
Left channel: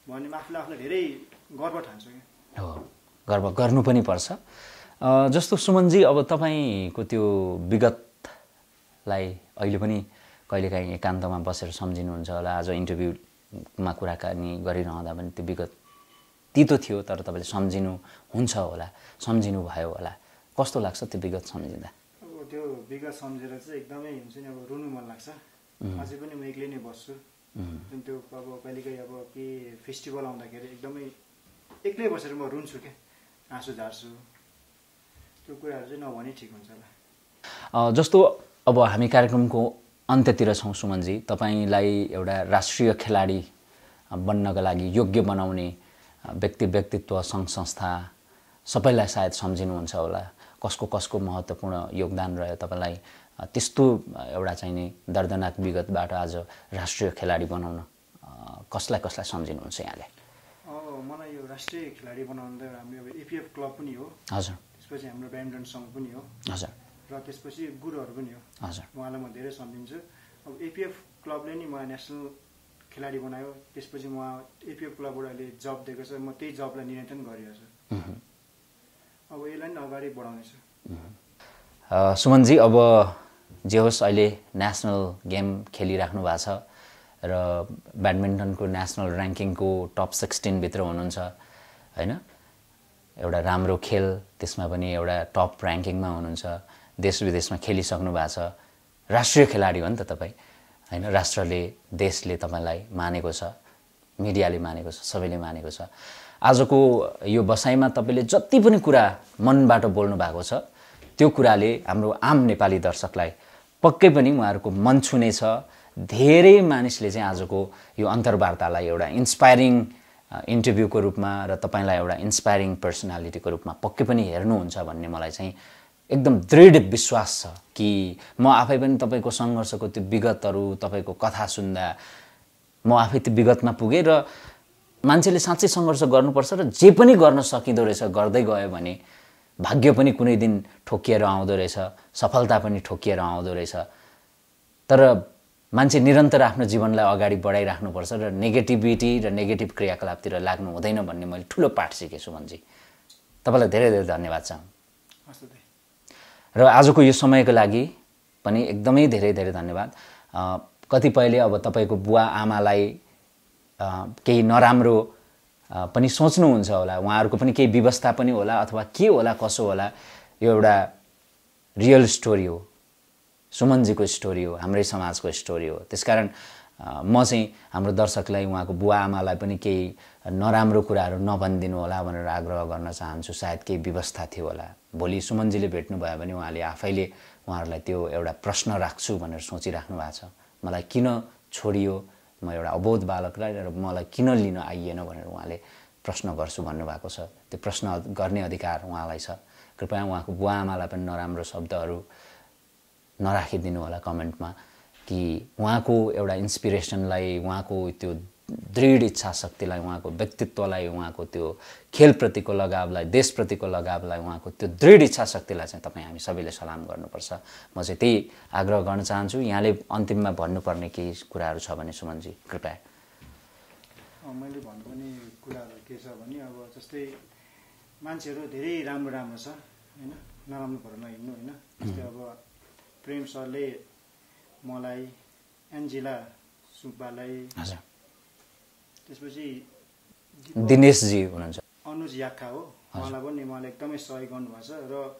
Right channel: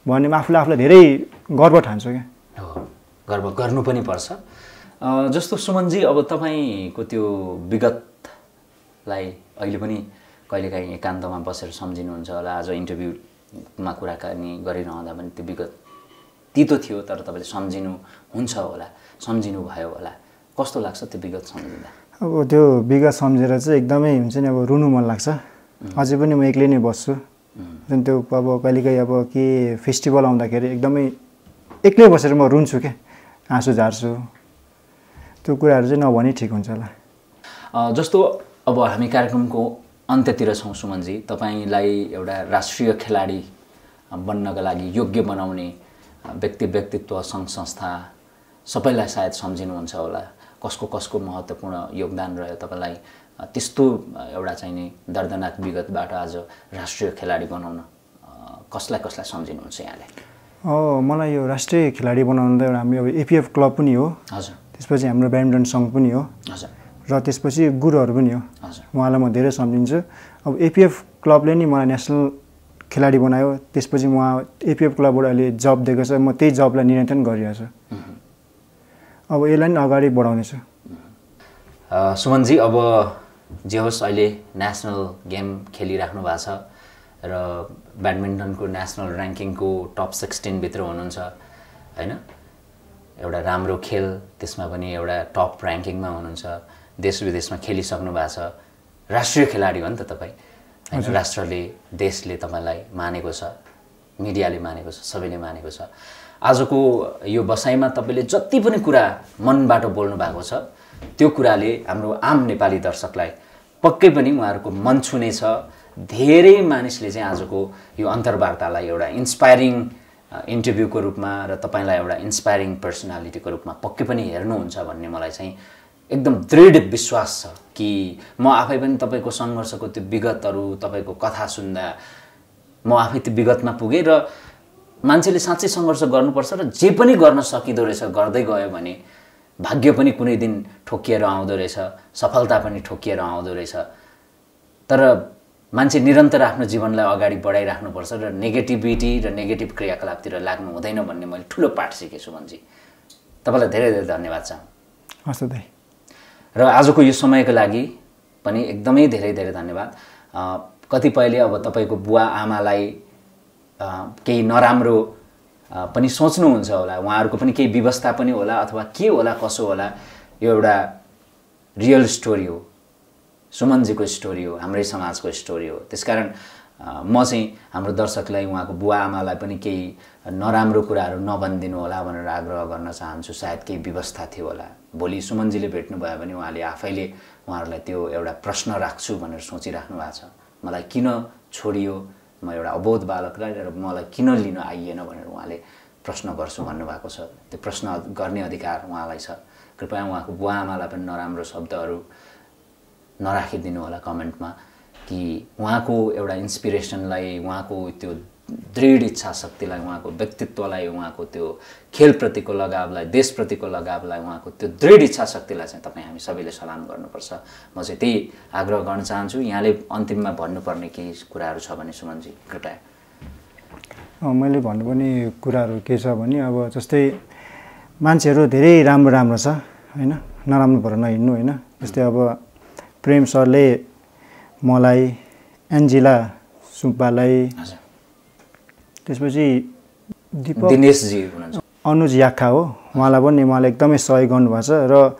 भन्ने आफूलाई धेरै गर्व ठान्छु क्या। हो, गर्व गर्नु पनि पर्छ। जस्तो सुमनजी, अब तपाईँको त्यो विगतलाई अहिले पनि कहिलेकाहीँ एकान्तमा बसेर सम्झिनुहुन्छ होला। आज इन्टरभ्यूमा कुराकानी गरिरहँदा पनि त्यो विगत तितो थियो, तर तपाईँले सम्झिनुहुन्छ होला, सम्झिनु भयो होला। कस्तो लाग्छ त्यो विगत सम्झिँदा? अब त्यो विगत सम्झेर चाहिँ एकदमै हुन्छ नि, अब रुनु मन लाग्छ। अझै पनि म एक्लै नै बस्छु। जुन त्यो अब कहिलेकाहीँ अब के फेस्टिभल आउँदाखेरि एकदमै एक्लै बसेर म रुन्छु क्या, आँसु झार्छु। त्यो कुराहरू चाहिँ नभनी ठिक हुन्छ होला। जस्तो अब हामी कार्यक्रमको अन्त्यतिर छौँ सुमनजी, तपाईँलाई एउटा राष्ट्रिय खेलाडी बन्नका लागि योग्य बनाउने व्यक्तित्व, सङ्घ संस्था सबैलाई सायद सम्झिनुहुन्छ होला। कसको महत्त्वपूर्ण योगदान रह्यो तपाईँलाई त्यस्तो एउटा चाहिँ नि दर्दनाक विगतबाट आज राष्ट्रिय खेलाडी बनाउन कसलाई सम्झिनुहुन्छ यहाँले? मलाई यो राष्ट्रिय खेलाडी बनाउनु त एउटा हाम्रो एपिएफ क्लब पनि हो। हजुर। त्यसपछि हाम्रो ब्याडमिन्टन सङ्घ पनि हो। हजुर। र त्यसपछि गुरुहरू पनि हो। हजुर। उहाँलाई म धेरै सम्झिन्छु। अब एपिएफ क्लबले नि मलाई नेसनल खेलाडी बनायो, त्यसपछि उहाँ एपिएफ क्लबबाट अहिले जब दिएको छ, म त्यही जबलाई निरन्तन गरिरहेको छु। अब यसलाई नि अगाडि बढाउनेछु। सुमनजी, अब जे होस् अहिले नेसनल गेम खेलिराख्नु भएको छ र ब्याडमिन्टनको नेसनल ऱ्याङ्किङको टप 16 भित्र हुनुहुन्छ होइन। एउटा राम्रो खेल, त्यसमा पनि एउटा टप ऱ्याङ्किङमा हुनुहुन्छ, देश विदेशमा खेलिसक्नु भएको छ, राष्ट्रिय खेलाडी हो नि त तपाईँ होइन। राष्ट्रले, देशले तपाईँलाई मानेको छ, मिडियाले मानेको छ, सबैले मानेको छ। आजको यो बसाइमा तपाईँले जति पनि कुरा मनबाट बोल्नु भएको छ त्यो कुराले हाम्रो आम नेपाली दर्शकलाई पक्कै पनि उहाँहरूको मन छुने छ। धेरै मानिसले चाहिँ आजको यो अन्तर्वार्तालाई एउटा इन्स्पायरिङ इन्टरभ्यूको रूपमा र तपाईँलाई एउटा इन्स्पायरिङ पर्सनालिटीको रूपमा पक्कै पनि हेर्नुहुन्छ भन्ने मलाई चाहिँ एकदम दृढ विश्वास छ कि म आफै पनि तपाईँको सङ्घर्षको त्यो विगतहरू, तपाईँको कथा सुन्दा म आफै त्यो विगतमा पुगेँ र मान्छेले साँच्चै सङ्घर्ष गर्नुपर्छ र जे पनि गर्न सकिँदो रहेछ गर्दै गयो भने भाग्य पनि कुनै दिन ठोकिएर आउँदो रहेछ, सफलता पनि ठोकिएर आउँदो रहेछ। तर मान्छे निरन्तर आफ्नो जीवनलाई अगाडि बढाइराख्नुपर्छ र नेगेटिभिटी र नेगेटिभ क्रियाकलापतिर लाग्नु हुँदैन भन्ने मैले ठुलो पाठ सिकेँ सुमनजी। तपाईँलाई धेरै धेरै धन्यवाद छ। हस् दाइ। र आजको यो समयको लागि पनि एकदमै धेरै धेरै धन्यवाद। कतिपयले अब तपाईँको बुवा आमालाई केही नराम्रो पनि सोच्नुहुन्छ होला, उहाँहरूको पनि केही व्यवस्था पनि होला अथवा के होला कसो होला, यो एउटा रियल स्टोरी हो, सुमनजीको स्टोरी हो, हाम्रै समाजको स्टोरी हो। त्यसकारण म चाहिँ हाम्रो दर्शकलाई उहाँको बुवा आमालाई पनि केही नराम्रो कुराहरू नभनिदिनु होला भनेर आग्रह गर्न चाहन्छु। सायद केही व्यवस्था थियो होला, भोलि सुमनजीले भेट्नुभयो भने उहाँले आफैले उहाँहरूलाई त्यो एउटा प्रश्न राख्छु भनेर सोचिराख्नु भएको छ। मलाई किन छोडियो, म एउटा अबोध बालकलाई र मलाई किन लिन आइएन भनेर उहाँले प्रश्न गर्छु भन्नुभएको छ। त्यो प्रश्न गर्ने अधिकार उहाँलाई छ। कृपया उहाँको बुवा आमालाई पनि नराम्रो शब्दहरू नराखिदिनु होला कमेन्टमा, कि उहाँको एउटा इन्सपिरेसनलाई, उहाँको त्यो दृढ इच्छा शक्तिलाई, उहाँको व्यक्तित्वलाई, उहाँको त्यो खेलप्रतिको लगावलाई, देशप्रतिको लगावलाई, उहाँको त्यो दृढ इच्छा शक्तिलाई चाहिँ तपाईँ हामी सबैले सलाम गर्नुपर्छ। म चाहिँ त्यही आग्रह गर्न चाहन्छु। यहाँले अन्तिममा भन्नुपर्ने केही कुराहरू छ भने सुमनजी कृपया। मैले भन्नुपर्ने कुराहरू के छ भने अब जस्तै मान्छेहरू धेरै राम्रो राम्रो छ होइन, नराम्रो भएर नहिँड्नु होइन। जस्तै अब प्रेम सरले मलाई, एन्जिला सुब्बालाई, त्यसपछि दिनेशजी हुनुहुन्छ, अनुज याखा हो, उहाँलाई पनि मलाई एकदमै सहयोग गर्नुभएको छ। र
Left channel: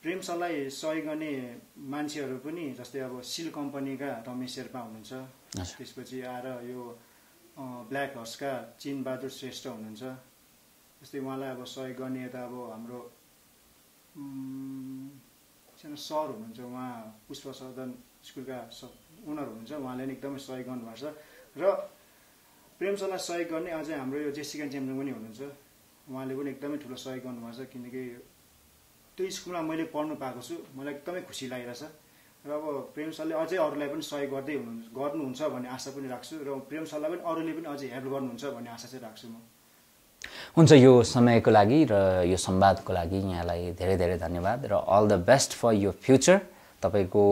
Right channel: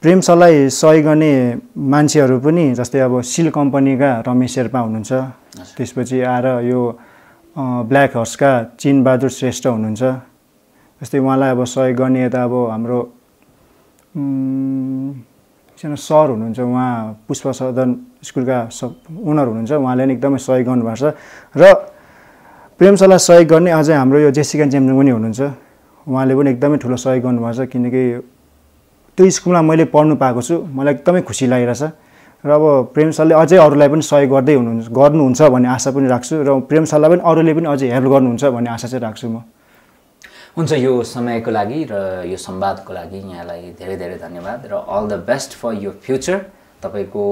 प्रेम सरलाई सहयोग गर्ने मान्छेहरू पनि जस्तै अब सिल कम्पनीका रमेश शेर्पा हुनुहुन्छ, त्यसपछि आएर यो ब्ल्याक हर्सका चिनबहादुर श्रेष्ठ हुनुहुन्छ। जस्तै उहाँलाई अब सहयोग गर्ने यता अब हाम्रो एकजना सर हुनुहुन्छ, उहाँ पुष्प सदन स्कुलका ओनर हुनुहुन्छ, उहाँले पनि एकदमै सहयोग गर्नुभएको छ। र प्रेम सरलाई सहयोग गर्ने अझै हाम्रो यो जेसिका चेम्जोङ पनि हुनुहुन्छ, उहाँले पनि एकदमै ठुलो सहयोग गर्नुभएको छ। किनकि त्यो स्कुलमा मैले पढ्नु पाएको छु, मलाई एकदमै खुसी लागिरहेछ। र अब प्रेम सरले अझै अरूलाई पनि सहयोग गर्नुहुन्छ भन्ने आशा पनि राख्छु, र प्रेम सरलाई पनि अरूले पनि अझै हेल्प गर्नुहुन्छ भन्ने आशा चाहिँ राख्छु म। हुन्छ, यो समयको लागि र यो संवादको लागि यहाँलाई धेरै धेरै धन्यवाद र अल द बेस्ट फर यो फ्युचर। तपाईँको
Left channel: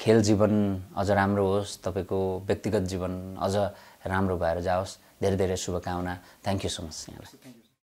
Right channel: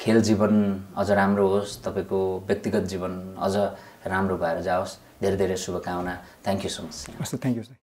खेल जीवन अझ राम्रो होस्, तपाईँको व्यक्तिगत जीवन अझ राम्रो भएर जाओस्। धेरै धेरै शुभकामना। Thank you so much. Thank you sir.